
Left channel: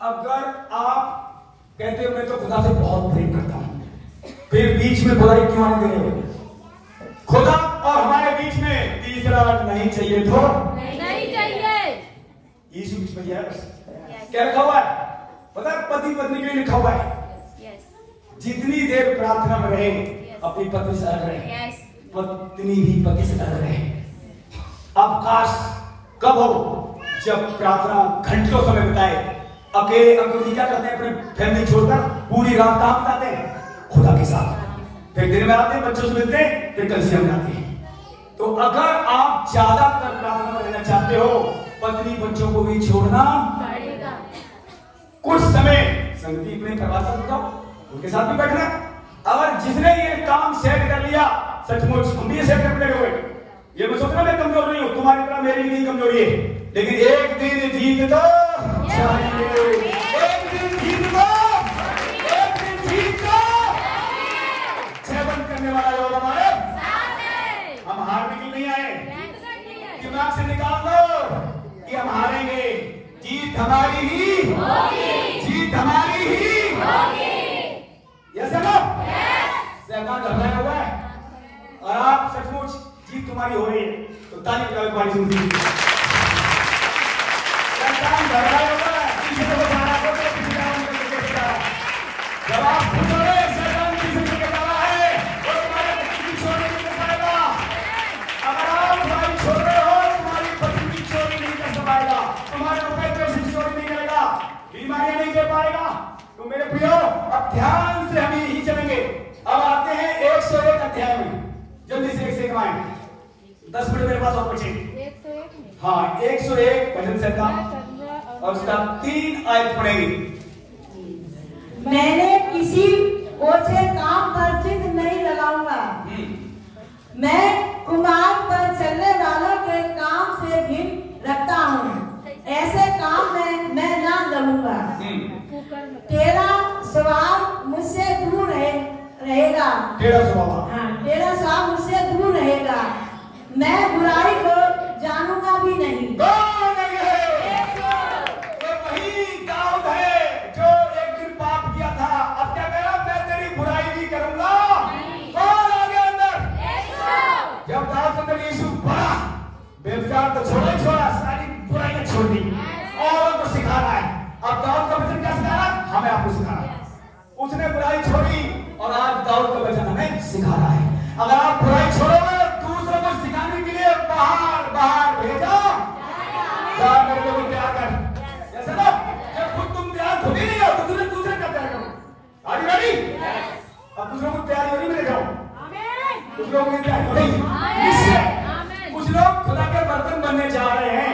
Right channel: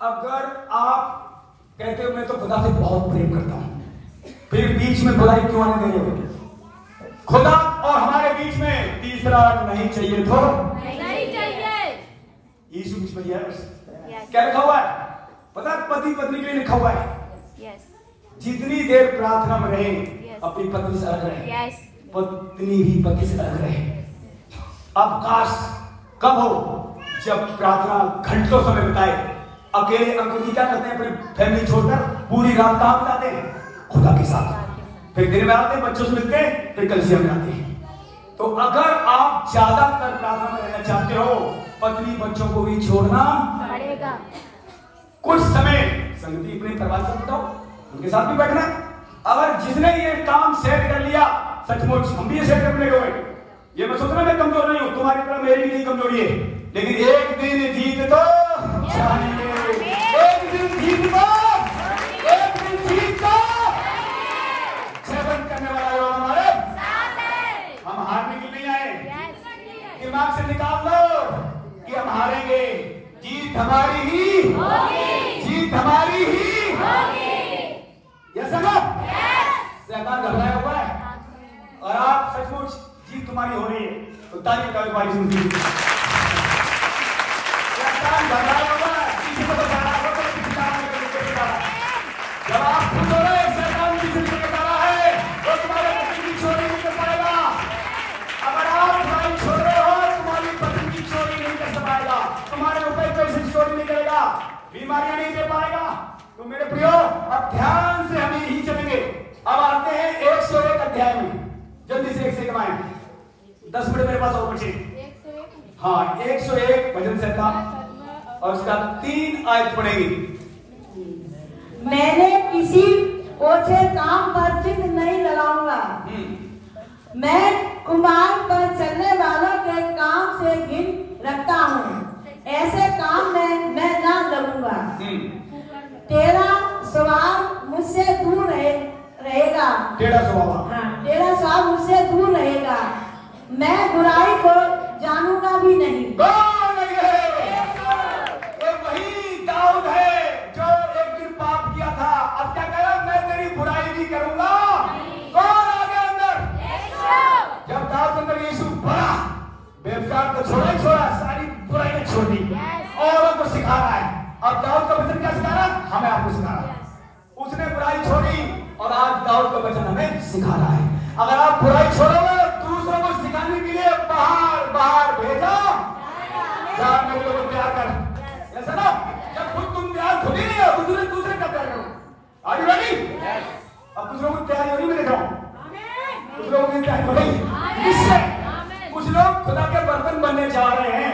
अगर आप कहते हो मैं तो खुदा से बहुत प्रेम करता हूं, फिर बीच में बुराई क्यों आने देंगे? खुदा और हमारे बीच में तीसरा नहीं चाहिए तो नहीं चाहिए। यीशु बीच में है। क्या लिखा हुआ है पता? पति पत्नी के लिए लिखा हुआ है, जितनी देर प्रार्थना में रहे अपनी पत्नी से अलग रहे, पत्नी भी पति से अलग रहे। अब काश कब हो जब प्रार्थना घंटों समय बिताए, अकेले अकेले क्या करते हैं, अपने फैमिली छोड़कर पूरी रात काम बिताते हैं खुदा के साथ, फिर दिन में आते हैं बच्चों से मिलते हैं, फिर कलीसिया में आते हैं। तो अगर आप ज्यादातर प्रार्थना में रहना चाहते हो, पत्नी बच्चों को भी छोड़ना पड़ेगा। कुछ समय संगति अपने परिवार से बताओ, उनके साथ भी बैठना। अगर जिसने ये काम सेट कर लिया, सचमुच हम भी सेट करने गए। ये मैं सोच रहा मैं कमजोर नहीं हूं, तुम्हारी तरह मेरी भी नहीं कमजोरी है, लेकिन एक दिन जीत दो, एक दिन जीत दो, एक दिन जीत दो। सेवन करने वाला जो हमारे हम हारने के लिए आए, दिमाग से निकाल दो कि हम हारेंगे। जीत हमारी ही होगी, जीत हमारी ही होगी। ये समझो, शैतान घबराया हुआ है और आप सचमुच जीत तुम्हारी हो रही है, तो ताली का व्यापारी जिंदगी शैतान घबराया हुआ है, किसी को सारा को किसी काम में जब आप खुद हो रहे शैतान की जिंदगी में बना है, वो तुम्हारे पति की चोरी नहीं कर पाएगा। अगर आप भाई छोड़ रहे हो, तुम्हारी पत्नी की चोरी नहीं कर पाएगा, तुम्हारे रुपए पैसे चोरी नहीं करेगा, बीमारियां नहीं दे पाएगा। तो मेरे प्रियो अब ध्यान से हम यही चलेंगे। अब आते हैं 101 अध्याय में, जल्दी से 101 में 10 मिनट मेरे पास और बचे। हाँ 101 भजन संहिता और उसका 3 आयत पढ़ेंगे। मैंने किसी ओछे काम पर चिन्ह नहीं लगाऊंगा, मैं कुमार पर चलने वालों के काम से घिन रखता हूँ, ऐसे काम में मैं ना लगूंगा। तेरा स्वभाव मुझसे दूर रहेगा, तेरा स्वभाव मुझसे दूर रहेगा, मैं बुराई को जानूंगा भी नहीं। वही दाऊद है जो एक दिन पाप किया था, अब क्या करा, मैं तेरी बुराई भी करूंगा। कौन आ गया अंदर? जब दाऊद अंदर यीशु बड़ा व्यभिचार तो छोड़ा, सारी बुराई छोड़ दी, औरों को सिखाना है। अब दाऊद का वचन क्या सिखा रहा? हमें आपको सिखा रहा। सिखा रहा है। अगर आप बुराई छोड़ोगे दूसरों को सिखाने के लिए बाहर बाहर भेजो, मेरे को प्यार कर, ऐसा ना जब खुद तुम प्यार खुद ही नहीं हो तो दूसरे का प्यार करो। Are you ready? अब दूसरों को प्यार नहीं देख रहा हूं, कुछ लोग नहीं प्यार करेंगे, कुछ लोग खुदा के बर्तन बनने जा रहे हैं।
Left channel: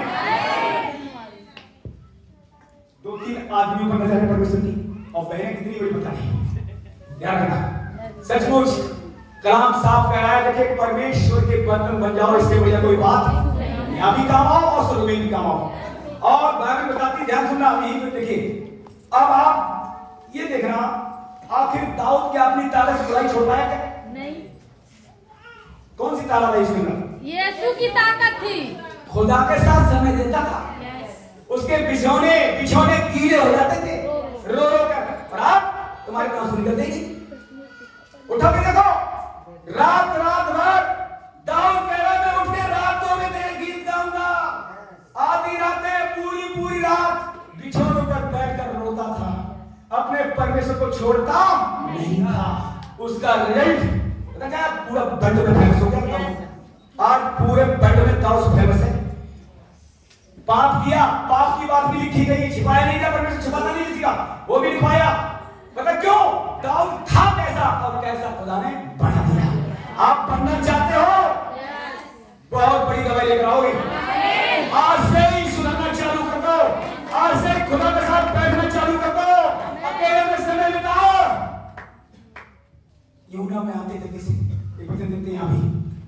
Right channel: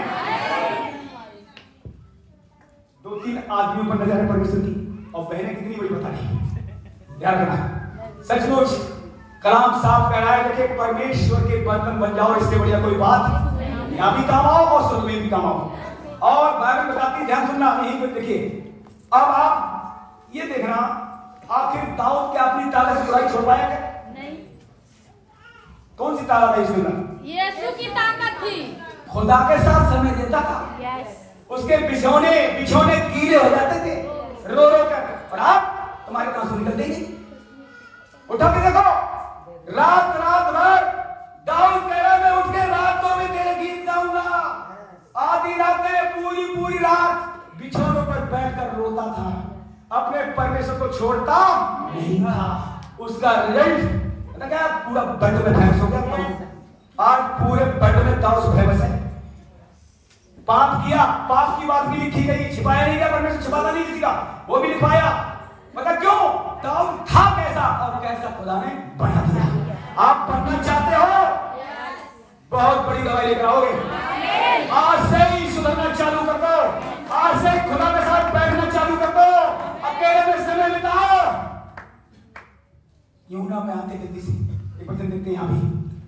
2-3 आदमियों पर नजर परमेश्वर की, और बहनें कितनी बड़ी बता रही, ध्यान रखना। सचमुच कलाम साफ कह रहा है कि परमेश्वर के बर्तन बन जाओ, इससे बढ़िया कोई बात यहाँ भी काम आओ और स्वर्ग में भी काम आओ। और बाइबल बताती है, ध्यान सुनना, यहीं पर देखिए। अब आप ये देखना, आखिर दाऊद क्या अपनी ताकत से बुराई छोड़ पाया क्या? नहीं। कौन सी ताकत है इसमें? यीशु की ताकत थी। खुदा के साथ समय देता था, यस। उसके बिछौने कीड़े हो जाते थे रो रो कर, और आप तुम्हारी बात सुनते थे। उठो के देखो, रात भर दाऊद कह रहा, मैं उठ के रातों में तेरे गीत गाऊंगा। आधी रातें पूरी रात बिछौनों पर बैठकर रोता था, अपने परमेश्वर को छोड़ता नहीं था। उसका रिजल्ट पता क्या? पूरा बेड में फेमस हो गया। आज पूरे बेड में दाऊद फेमस है। पाप किया, पाप की बात भी लिखी गई, छिपाया नहीं गया, परमेश्वर छिपाता नहीं किसी का, वो भी लिखाया। मतलब क्यों? दाऊद था कैसा और कैसा खुदा ने बना दिया। आप बनना चाहते हो? बहुत बड़ी दवाई लेकर आओगे। आज से ही सुधरना चालू कर दो, आज से खुदा के साथ बैठना चालू कर दो, अकेले में समय बिताओ। यूना में आते थे किसी देखते यहाँ भी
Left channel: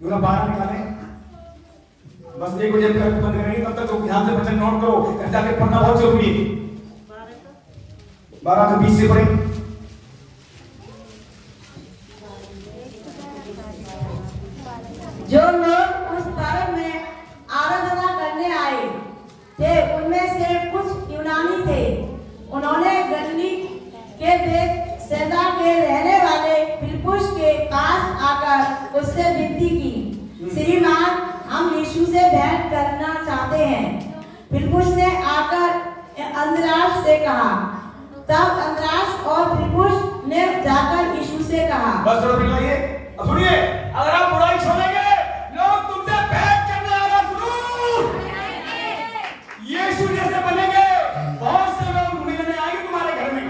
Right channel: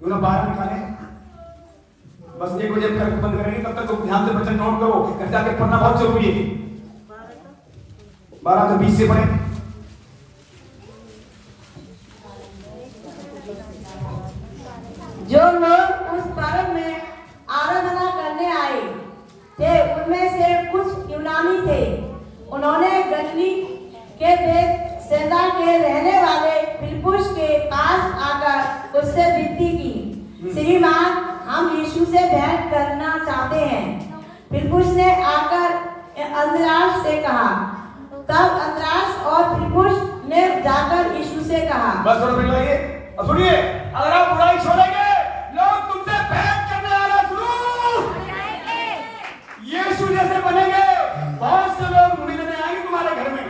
यूना बाहर निकाले, बस 1 बजे तक बंद करेंगे, तब तक तो ध्यान से वचन नोट करो, घर जाके पढ़ना बहुत जरूरी है। 12 से 20 से पढ़े। जो लोग उस पर्व में आराधना करने आए थे उनमें से कुछ यूनानी थे। उन्होंने गलीली के बेतसैदा के रहने वाले फिलिप्पुस के पास आकर उससे विनती की, श्रीमान हम यीशु से भेंट करना चाहते हैं। फिलिप्पुस ने आकर अंद्रयास से कहा। तब अंद्रयास और फिलिप्पुस ने जाकर यीशु से कहा। बस सुनिए, अगर आप बुराई छोड़ेंगे लोग तुमसे भेंट करने आना शुरू, यीशु जैसे बनेंगे, बहुत से लोग मिलने आएंगे तुम्हारे घर में।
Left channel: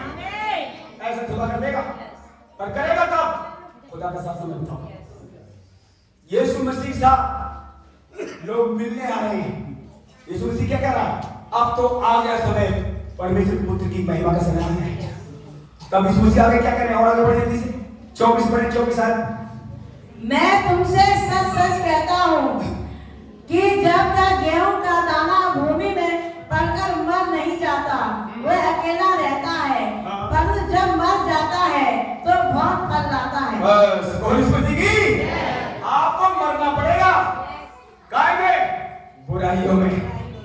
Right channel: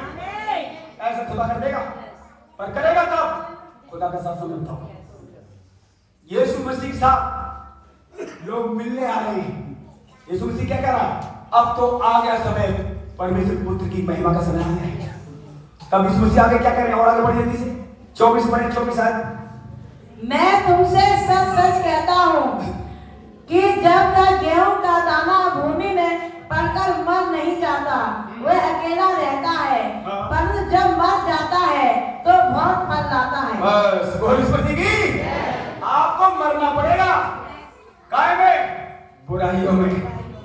ऐसे खुदा कर देगा, पर करेगा कब? खुदा के साथ में बताओ। यीशु मसीह के साथ लोग मिलने आ रहे हैं। यीशु मसीह क्या कह रहा है? अब तो आ गया समय, परमेश्वर पुत्र की महिमा का समय आ गया है। तब यीशु मसीह आगे क्या कह रहे हैं? और आगे बढ़े जल्दी से 24 है। मैं तुमसे सच सच कहता हूँ कि जब तक गेहूं का दाना भूमि में पड़कर मर नहीं जाता वह अकेला रहता है, परंतु जब मर जाता है तो बहुत फल लाता है। बस आपको मरना पड़ेगा, काय में? बुराइयों में,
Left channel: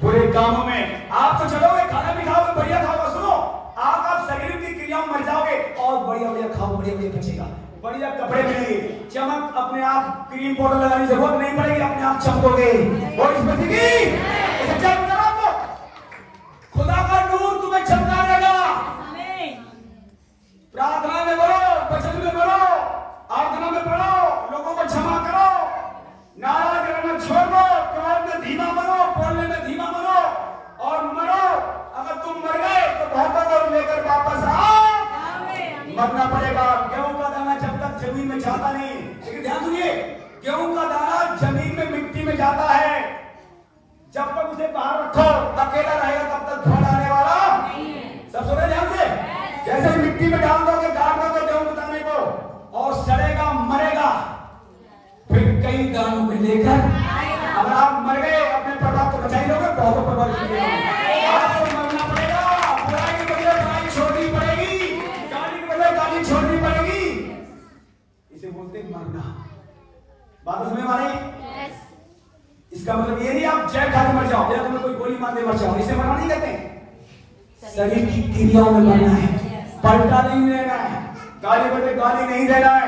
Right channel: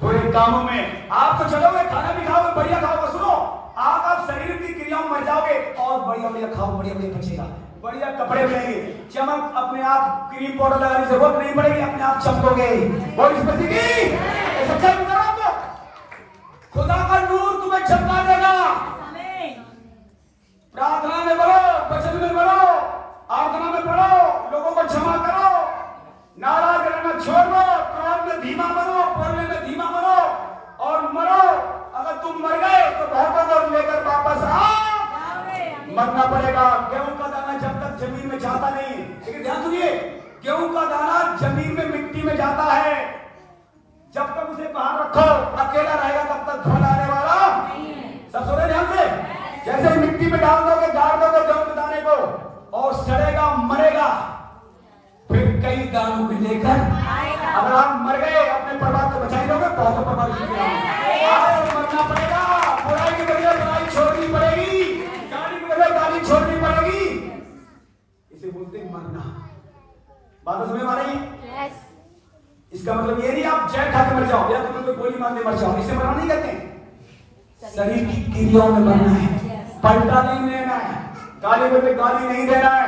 बुरे कामों में। आप तो चलोगे, खाना भी खाओगे, बढ़िया खाओगे। सुनो, आप शरीर की क्रियाओं में मर जाओगे और बढ़िया खाओ, बढ़िया बचेगा, बढ़िया कपड़े पहनेंगे, चमक, अपने आप क्रीम पाउडर लगाने से जरूरत नहीं पड़ेगी, अपने आप चमकोगे। खुदा का नूर तुम्हें चमका देगा। प्रार्थना में करो, वचन में करो, आराधना में पढ़ो, लोगों को क्षमा करो, नाराज रहना छोड़ दो, क्रोध में धीमा बनो, बोलने में धीमा बनो और मरो। अगर तुम मर गए तो बहुतों को लेकर वापस आओ। मरना पड़ेगा। गेहूं का दाना जब तक जमीन में जाता नहीं, लेकिन ध्यान सुनिए, गेहूं का दाना जमीन में मिट्टी में जाता है, जब तक उसे बाहर रखो, अकेला रहेगा तब तक फल आने वाला नहीं है। सब सुन रहे ध्यान से? जैसे मिट्टी में डाल दोगे, गाड़ दोगे गेहूं के दाने को, और सड़ेगा, मरेगा, फिर कई दानों में लेकर अगर आप मर गए, अपने परिवार को बचाई लोगे, बहुत परिवार मरना पड़ेगा। बुराई की वजह बुराई छोड़नी पड़ेगी, गाली की वजह गाली छोड़नी पड़ेगी। इसे बोलते हैं मरना। बात समझ में आ रही? इसका मतलब ये नहीं आप जय खा के मर जाओ या तुम्हें कोई गोली मार के मर जाओ, इसे मरना नहीं कहते। शरीर की क्रियाओं में मरना है, पलटा नहीं लेना है, गाली बदले गाली नहीं देना है।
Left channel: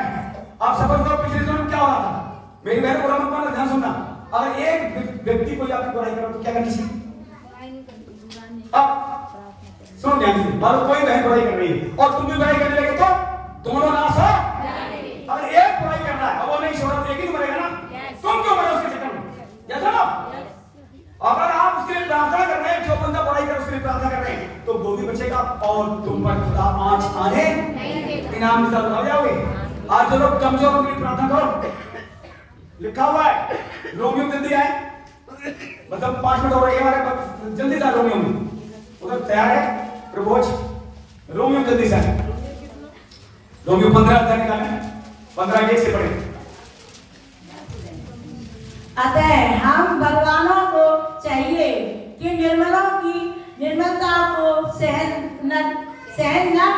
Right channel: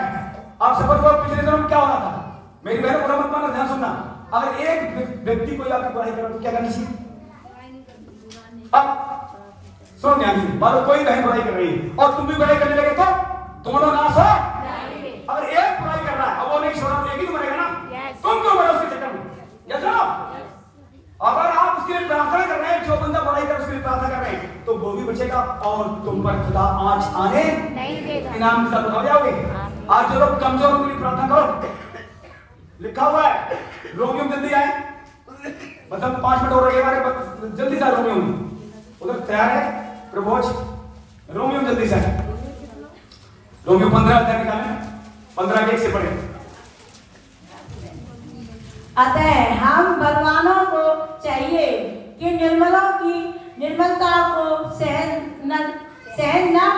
आप समझ लो पिछले जन्म क्या होना था। मेरी बहन बुरा मत मानना, ध्यान सुनना। अगर एक व्यक्ति को आपकी बुराई करो तो क्या करना चाहिए? अब सुन ध्यान से, मान लो कोई बहन बुराई कर रही है और तुम भी बुराई करने लगे तो दोनों नाश हो। अगर एक बुराई करना है और तुम पर खुदा आँच आने इनाम सब हो जाओगे। आज जो लोग कमजोर उनकी प्रार्थना करो। लिखा हुआ है रोमियो जल्दी आए, मतलब 5 मिनट हो रहे हमारे पास, जल्दी से रोमियो में उधर तैयार है प्रभोज। रोमियो जल्दी से रोमियो 15 अध्याय निकालें, 15 के से पढ़े। अतः हम बलवानों को चाहिए कि निर्मलों की निर्मलता को सहन न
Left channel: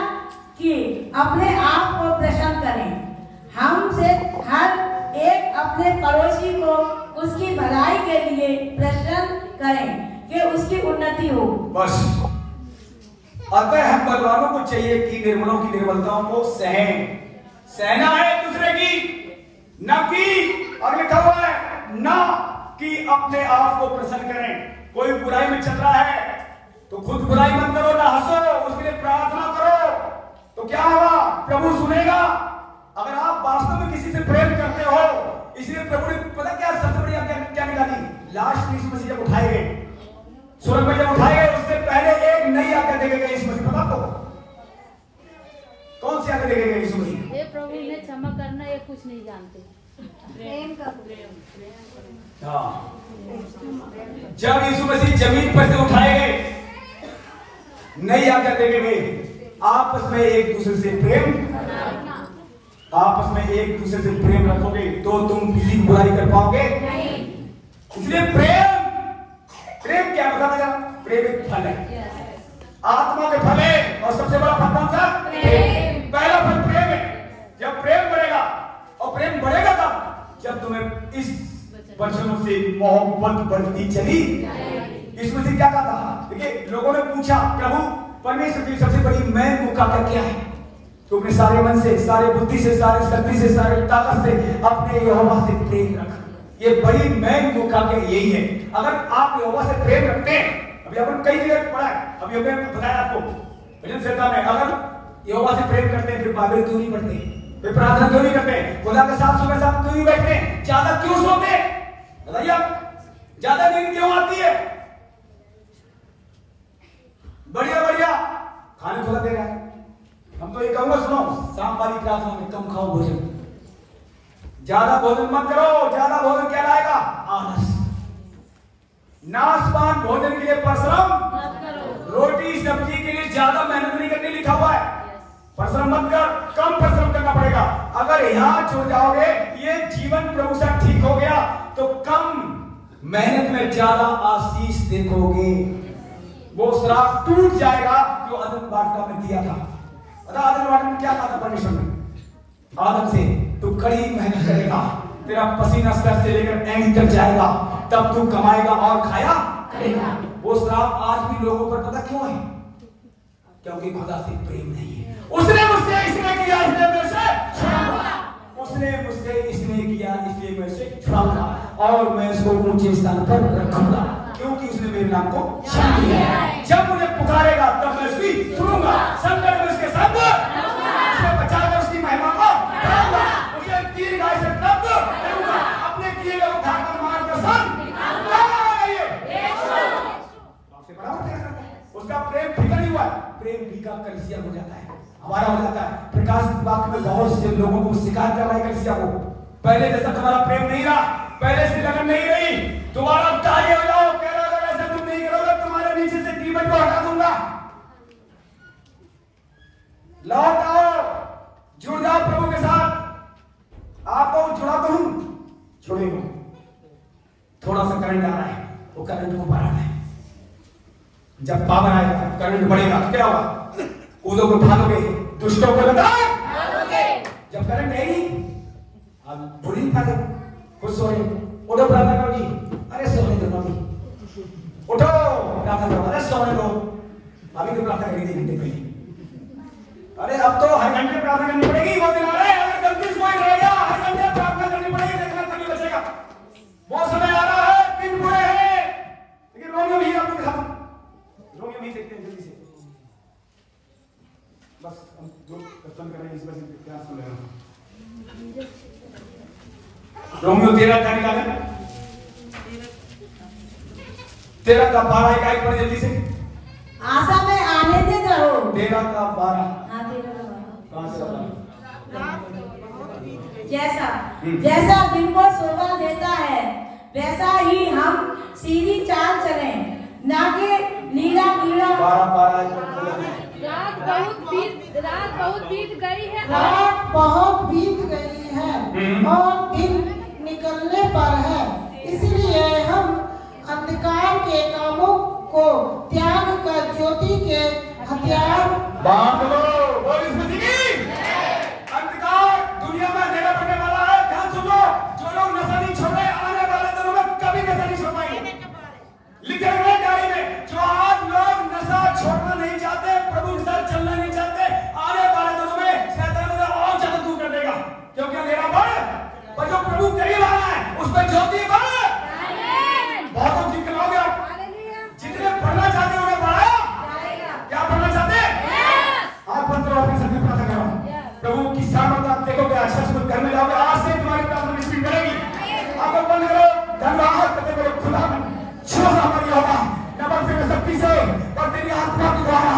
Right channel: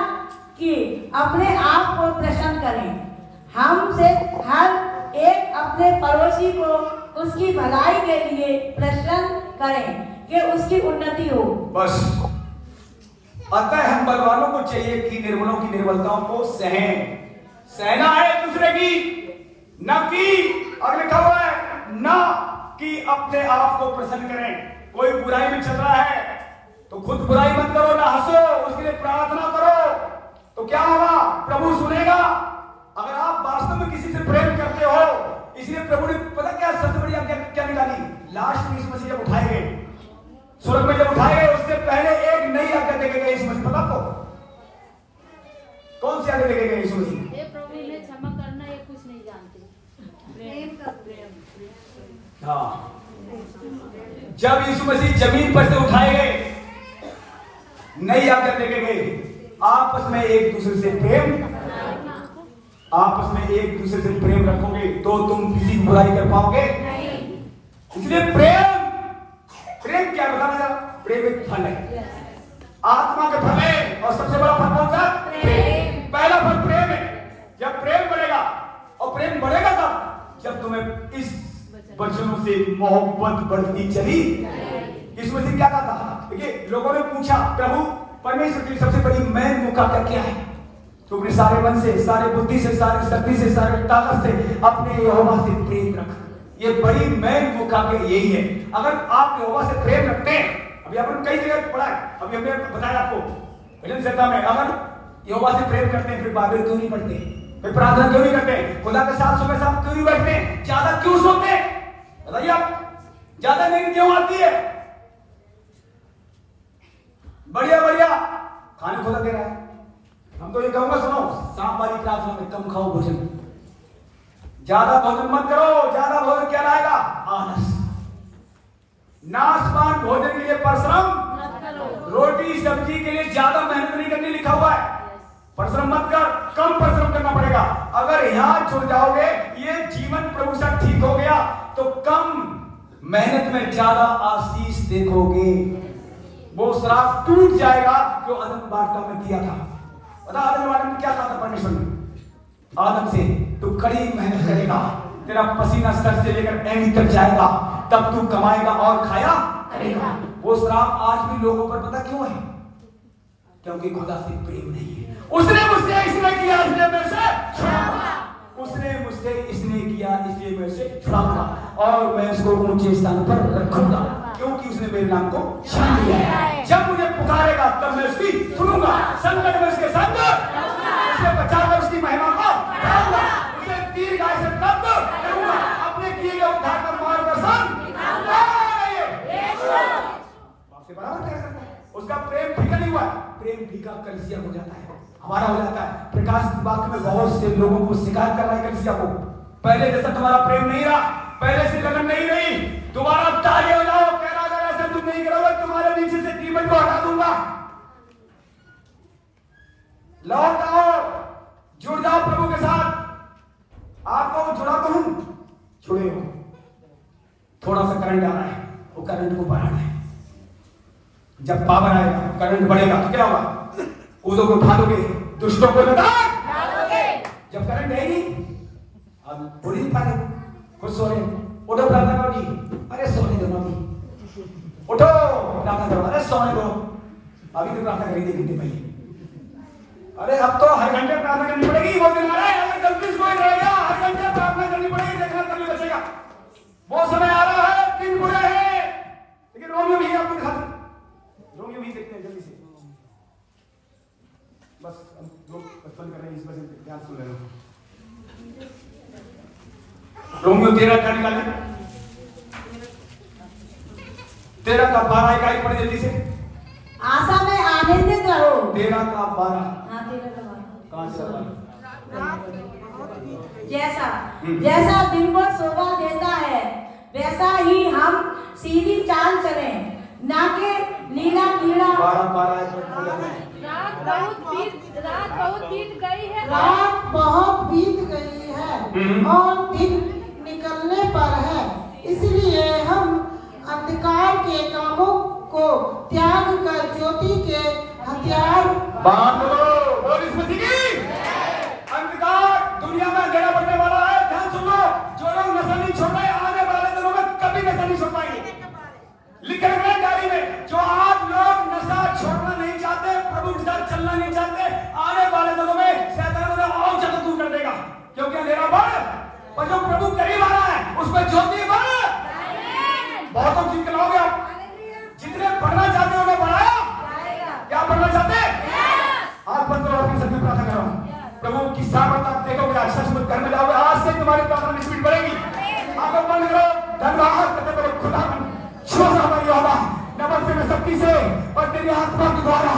कि अपने आप को प्रसन्न करें। हमसे हर एक अपने पड़ोसी को उसकी भलाई के लिए प्रसन्न करें कि उसकी उन्नति हो। बस अतः हम बलवानों को चाहिए कि निर्मलों की निर्मलताओं को सहना है दूसरे की, न कि, और लिखा हुआ है न कि अपने आप को प्रसन्न करें। कोई बुराई में चल रहा है तो खुद बुराई मत करो, ना हंसो, उसके लिए प्रार्थना करो, तो क्या होगा? प्रभु सुनेगा। अगर आप वास्तव में किसी से प्रेम करते हो, इसलिए प्रभु ने पता क्या सबसे बड़ी आज्ञा क्या निकाली? लास्ट में यीशु मसीह जब उठाए गए, स्वर्ग में जब उठाए गए, उससे पहले एक नई आज्ञा देके गए यीशु मसीह। पता आपको कौन सी आज्ञा देके गए यीशु मसीह? ये प्रभु ने क्षमा करना, ये कुछ नहीं जानते। हाँ, जब यीशु मसीह जमीन पर से उठाए गए, नई आज्ञा देके गए, आपस में एक दूसरे से प्रेम, आपस में एक दूसरे से प्रेम रखोगे तो तुम किसी बुराई कर पाओगे नहीं। इसलिए प्रेम क्या बताना जरा? प्रेम एक फल है, आत्मा के फल है, और सबसे बड़ा फल कौन सा? प्रेम। पहला फल प्रेम है। जब प्रेम बढ़ेगा, और प्रेम बढ़ेगा कब? जब तुम्हें इस वचनों से मोहब्बत बढ़ती चली। यीशु मसीह क्या कहा था? देखिए, लोगों ने पूछा प्रभु परमेश्वर की सबसे बड़ी मैन मुकाबला क्या है? तो अपने सारे मन से, सारे बुद्धि से, सारे शक्ति से, सारे ताकत से अपने यहोवा से प्रेम रख। ये बड़ी मैन मुकाबला यही है। अगर आप यहोवा से प्रेम रखते हैं, अभी आपने कई जगह पढ़ा है, अभी हमने बताया आपको भजन संहिता में, अगर यहोवा से प्रेम करते हैं फिर बाइबल क्यों नहीं पढ़ते, फिर प्रार्थना क्यों नहीं करते, खुदा के साथ सोने साथ क्यों नहीं बैठते, ज्यादा क्यों सोते? बताइए आप, ज्यादा नींद क्यों आती है? बढ़िया बढ़िया खाने खुदा दे रहा है। हम तो ये कहूंगा, सुनो, शाम वाली प्रार्थना में कम खाओ भोजन, ज्यादा भोजन मत करो। ज्यादा भोजन क्या लाएगा? आलस। नाशवान भोजन के लिए परिश्रम मत करो। रोटी सब्जी के लिए ज्यादा मेहनत नहीं करनी, लिखा हुआ है। परिश्रम मत कर, कम परिश्रम करना पड़ेगा। अगर यहां छोड़ जाओगे, ये जीवन प्रभु से ठीक हो गया, तो कम मेहनत में ज्यादा आशीष देखोगे। वो श्राप टूट जाएगा जो आदम वाटिका में दिया था। पता आदम वाटिका में क्या कहा था परमेश्वर ने? आदम से, तू कड़ी मेहनत करेगा, तेरा पसीना सर से लेकर एंड तक जाएगा, तब तू कमाएगा और खाया करेगा। वो श्राप आज भी लोगों पर पता क्यों है? क्योंकि खुदा से प्रेम नहीं है। उसने मुझसे इसने किया, इसने मेरे से छुड़ा, उसने मुझसे इसने किया, इसलिए मेरे से छुड़ा, और मैं इसको ऊंचे स्थान पर रखूंगा, क्योंकि उसने मेरे नाम को जान लिया है। जब मुझे पुकारेगा तब मैं उसकी सुनूंगा, संकट में उसके संग रहूंगा, उसे बचाकर उसकी महिमा को करूंगा, उसे दीर्घायु से तब करूंगा, अपने किए गए उद्धार का मार्गदर्शन दिखाऊंगा। उसका प्रेम फीका नहीं हुआ, प्रेम फीका कलिसिया हो जाता है, हमारा हो जाता है। प्रकाश वाक्य में बहुत से लोगों को शिकार कर रहा है कलिसिया को। पहले जैसा तुम्हारा प्रेम नहीं रहा, पहले से लगन नहीं रही, तुम्हारा ताली हो जाओ, कह रहा अगर ऐसा तुम नहीं करोगे तुम्हारे नीचे से जीवन को हटा दूंगा। लौट आओ, जुड़ जाओ प्रभु के साथ। आपको जुड़ा तो हूं, जुड़े हो। थोड़ा सा करंट आ रहा है, वो करंट को बढ़ाना है। जब पावर आएगा, करंट बढ़ेगा तो क्या होगा? उदो को भागोगे, दुष्टों को बताओगे। जब करंट रहेगी, आप बोल नहीं पाते, खुद सोने, उठो प्रार्थना करो जी, अरे सोने दो जी, उठो प्रार्थना करो, अरे सोने दो, अभी तो प्रार्थना करी थी घंटे पहले, अरे अब तो हर घंटे प्रार्थना करनी पड़ेगी। वो दिन अगर गलती कोई रहेगा, हर घंटे प्रार्थना करनी पड़ेगी, देखना कभी बचेगा। वो समय आ रहा है, दिन बुरे हैं, लेकिन रोमियो भी आपको दिखा दूं, रोमियो भी देखते हैं जल्दी से। बस हम लोग बचपन कर रहे हैं, इस वजह से क्या सुन रहे हो। रोमियो 13 अध्याय निकाले, 13 का 12 का एक पढ़े जल्दी से। आशा में आनंदित रहो। 13 का 12 हाँ, 13 का 12। कहाँ से 12? जैसा जैसा दिन को शोभा देता है वैसा ही हम सीधी चाल चले, ना कि लीला लीला। 12 रात बहुत बीत गई है रात बहुत बीत गई है और दिन निकलने पर है, इसलिए हम अंधकार के कामों को त्याग कर ज्योति के हथियार। बात करो, बोल इसमें जी। अंधकार दुनिया में अंधेरा बढ़ने वाला है। ध्यान सुन लो, जो लोग नशा नहीं छोड़ रहे आने वाले दिनों में कभी नशा नहीं छोड़ पाएंगे। लिखे हुए डायरी में जो आज लोग नशा छोड़ना नहीं चाहते, प्रभु के साथ चलना नहीं चाहते, आने वाले दिनों में शैतान उन्हें और ज्यादा दूर कर देगा, क्योंकि अंधेरा बढ़ और जो प्रभु करीब आ रहा है उसमें ज्योति बढ़। बहुतों की कराओगे आप, जितने पढ़ना चाहते हो उन्हें बढ़ाओ। क्या पढ़ना चाहते हैं? आज बंद करो, अपनी सबकी प्रार्थना करो। प्रभु की सामर्थ आप देखोगे, अच्छा से घर में लाओगे, आज से तुम्हारी प्रार्थना स्पीड बढ़ेगी। आप बंद करो, धन्यवाद करते करो खुदा छोड़ हमारी बाबा नमक से शक्ति से और तेरी आत्मा के द्वारा।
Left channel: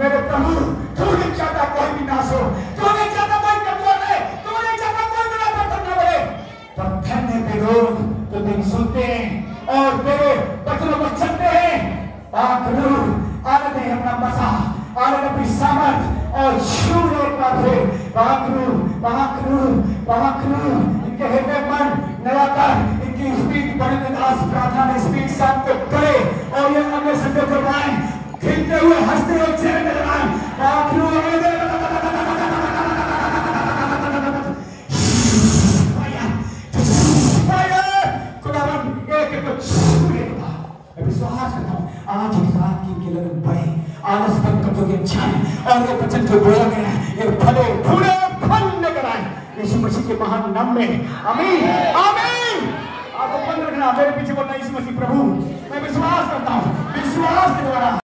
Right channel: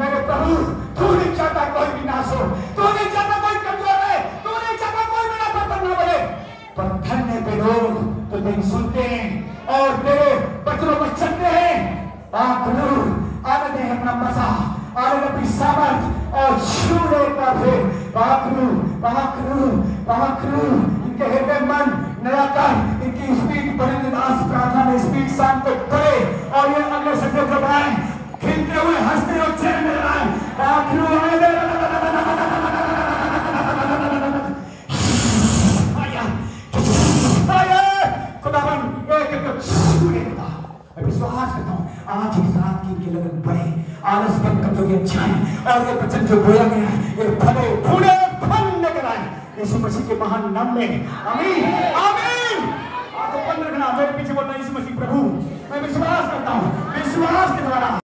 मेरे प्रभु तू नहीं चाहता कोई भी नाश हो, तू नहीं चाहता कोई कमजोर है, तू नहीं चाहता कोई बिना पकड़ न पड़े। पर धन्य के लोग तो दिन सुनते हैं और तेरे बचनों को चलते हैं। आखिर आने दे अपना मसा, आने दे अपनी सामर्थ और छूने का फिर इनके हृदय मन निराकार इनकी स्पीड बड़े निदास प्रार्थना में स्पीड शाम को पड़े और ये अगले शब्दों को बढ़ाएं, खिलते हुए हंसते हुए चेहरे नजर आए। विश्वास करता हूँ आज इस रात की इनकी लगन बढ़े, आलस बंद कर दोगे अच्छाई और ये वचन जो बोला गया है ये फले फूले फल लेकर आए यीशु मसीह के महान नाम में। आमीन आमीन। आपको बंद रखना, मेरे पीछे बोलना यीशु मसीह प्रभु। मैं विश्वास करता हूँ, विश्वास के द्वारा